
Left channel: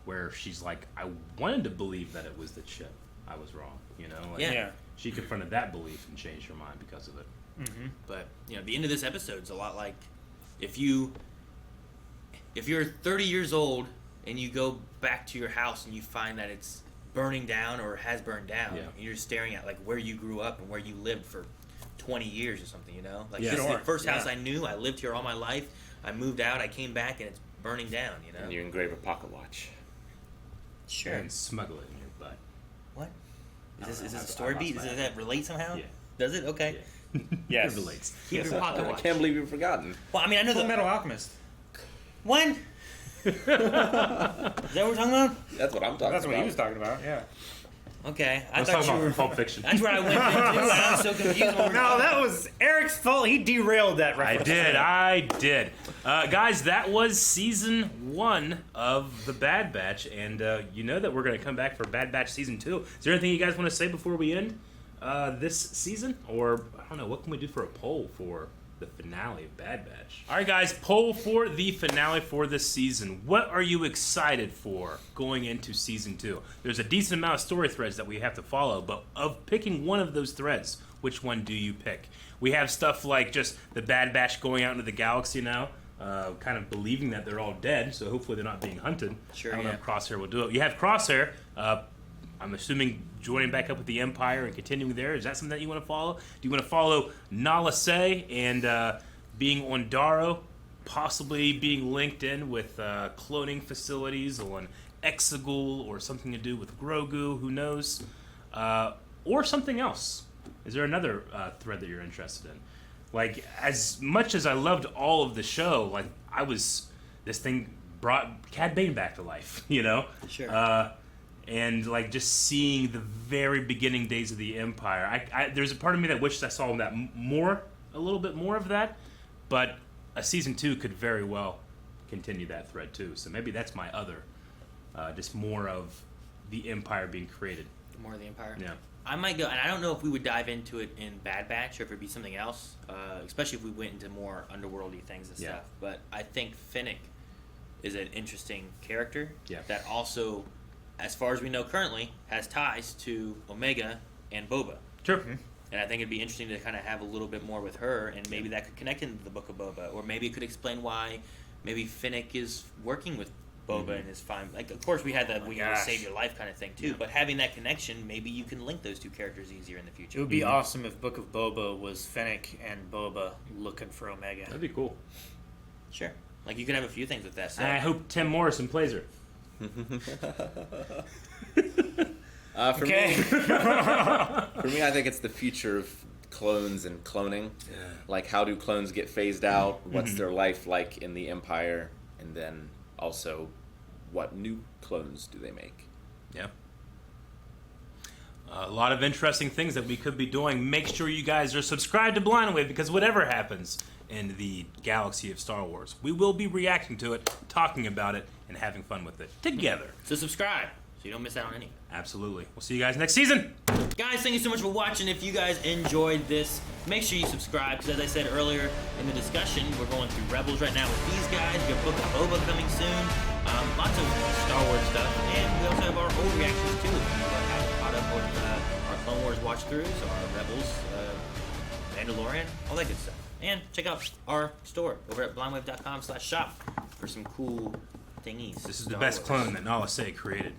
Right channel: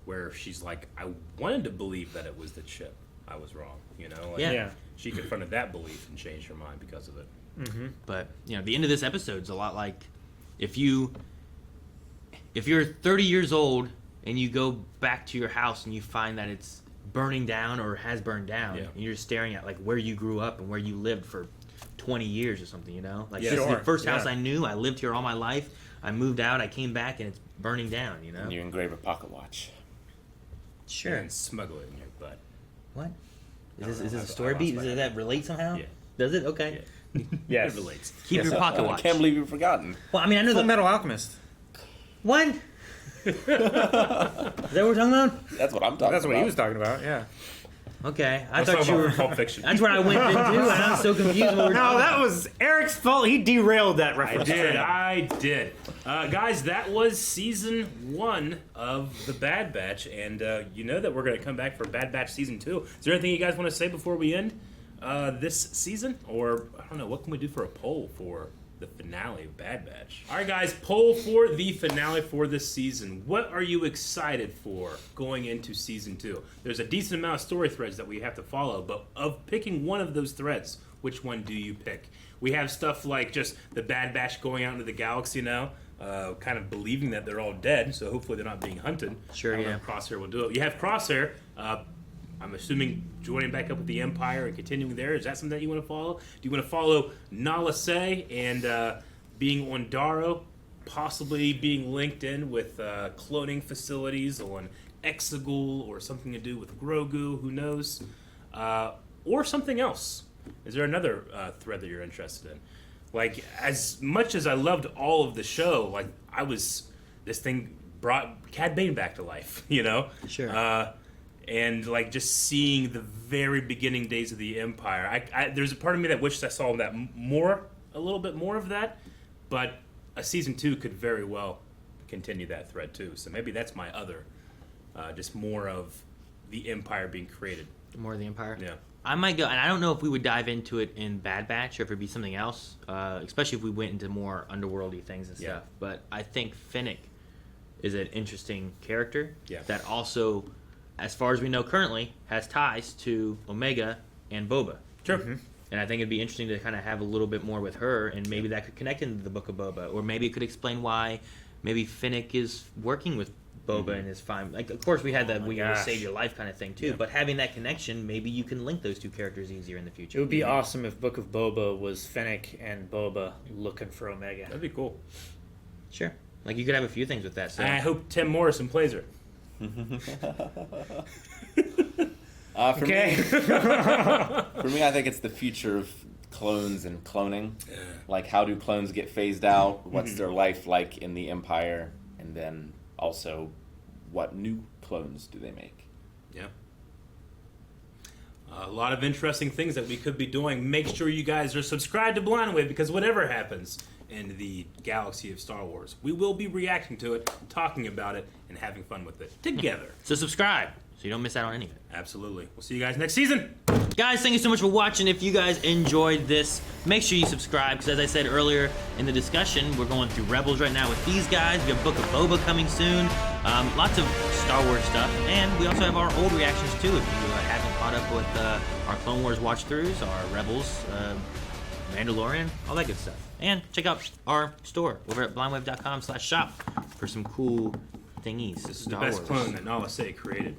where she's like, I wanted to believe that it was the chip. I was wrong, you know. Like, she confronted that belief and changed her mind because of it. But you know, the end of this episode's a lot like if you're 30 years old and you go back to your house and you find that it's burning down or has burned down, and you're staring at like where you grew up and where you lived for 20 years or something, you know, like this is the first house I knew. I lived here all my life. I moved out, I came back, and it's burning down, you know. And you engrave a pocket watch. Sure. And smuggle it in your butt. What? Is this a story beat? Does that relate somehow? Yeah. Does it? Okay. Yes. It relates. Keep your pocket watch. I can't believe you've forgotten. Well, I mean, I know Full Metal Alchemist. What? Is that what we're talking about? That's what I'm talking about. That's what he was talking about, yeah. Okay, I Let's thought talk you about were. Pulp Fiction. That's where I went into, and I'm so confused. No, that was Eric's fault. He derailed that reference. I did. Guys, that was season 1 of The Bad Batch, and you know that we're going to come back for Bad Batch season 2. Is there anything you guys want to say before we end this season? Or, I don't know, what can we do for a poll for the finale of Bad Batch? All right, guys, poll for the finale for this season. What are you excited for going into season 2? There's a decent amount of story threads that we have to follow, but of picking one of those threads, which one do you pick? We have stuff like just the Bad Batch going out into the galaxy now, kind of believing that they're all dead, so hopefully they're not being hunted. Sure, I don't know if Crosshair will do it. You have Crosshair, I'm assuming joining back up with the Empire and continuing there. Is that something that you want to follow? Do you want to follow Nala Se and being on Daro, possibly being linked in with cloning facilities on Exegol or something to do with Grogu, who knows? Or something else? Is there another thread that you're interested in? Like, as much as I loved all of the show, like, this thing brought Cad Bane back to life, you know? Sure. And like just seeing the very beginning days of the Empire, there's a part of me that wishes I saw that a little bit more of that, but a season 2 could very well continue that thread too. So maybe that's my other, just more of the Empire being created. More of the Empire. Yeah. I might go, and I don't know if we would dive into it in Bad Batch or if it'd be something else, especially if we went into more underworldy things and stuff. But I think Finnick is an interesting character that also, as far as we know currently, has ties to Omega and Boba. Sure. And I think it'd be interesting to kind of have a little bit more with her, and maybe that could connect into the Book of Boba, or maybe it could explain why maybe Finnick is working with Boba and is fine. Like, of course, we had the "we will save your life" kind of thing too, but having that connection, maybe you can link those two characters easier in the future. It would be awesome if Book of Boba was Finnick and Boba looking for Omega. That'd be cool. Sure. Like, you could have a few things with that. So. And I hope Tim Morrison plays her. For me, I think it's the future of clones and cloning. Like, how do clones get phased out? What's their life like in the Empire? And then also, what new clones do they make? Yeah. A lot of interesting things that we could be doing. Make sure you guys are subscribed to Blind Wave, because whatever happens in the galaxy of Star Wars, we will be reacting to it, talking about it, and having fun with it together. So subscribe so you don't miss out on anything. Absolutely. We'll see you guys next season. Guys, thank you so much for watching. If you guys enjoyed this, make sure you subscribe, because as I said earlier in the discussion, we're going through Rebels right now with these guys. We have Book of Boba coming soon. Lots of Star Wars stuff. And we also have our old reactions too. If you haven't caught up with our Clone Wars watch-throughs, our Rebels, Mandalorian, all that good stuff. And check out our store over at blindwave.com/shop for some cool thingies. This is the best clone that Nala Se created.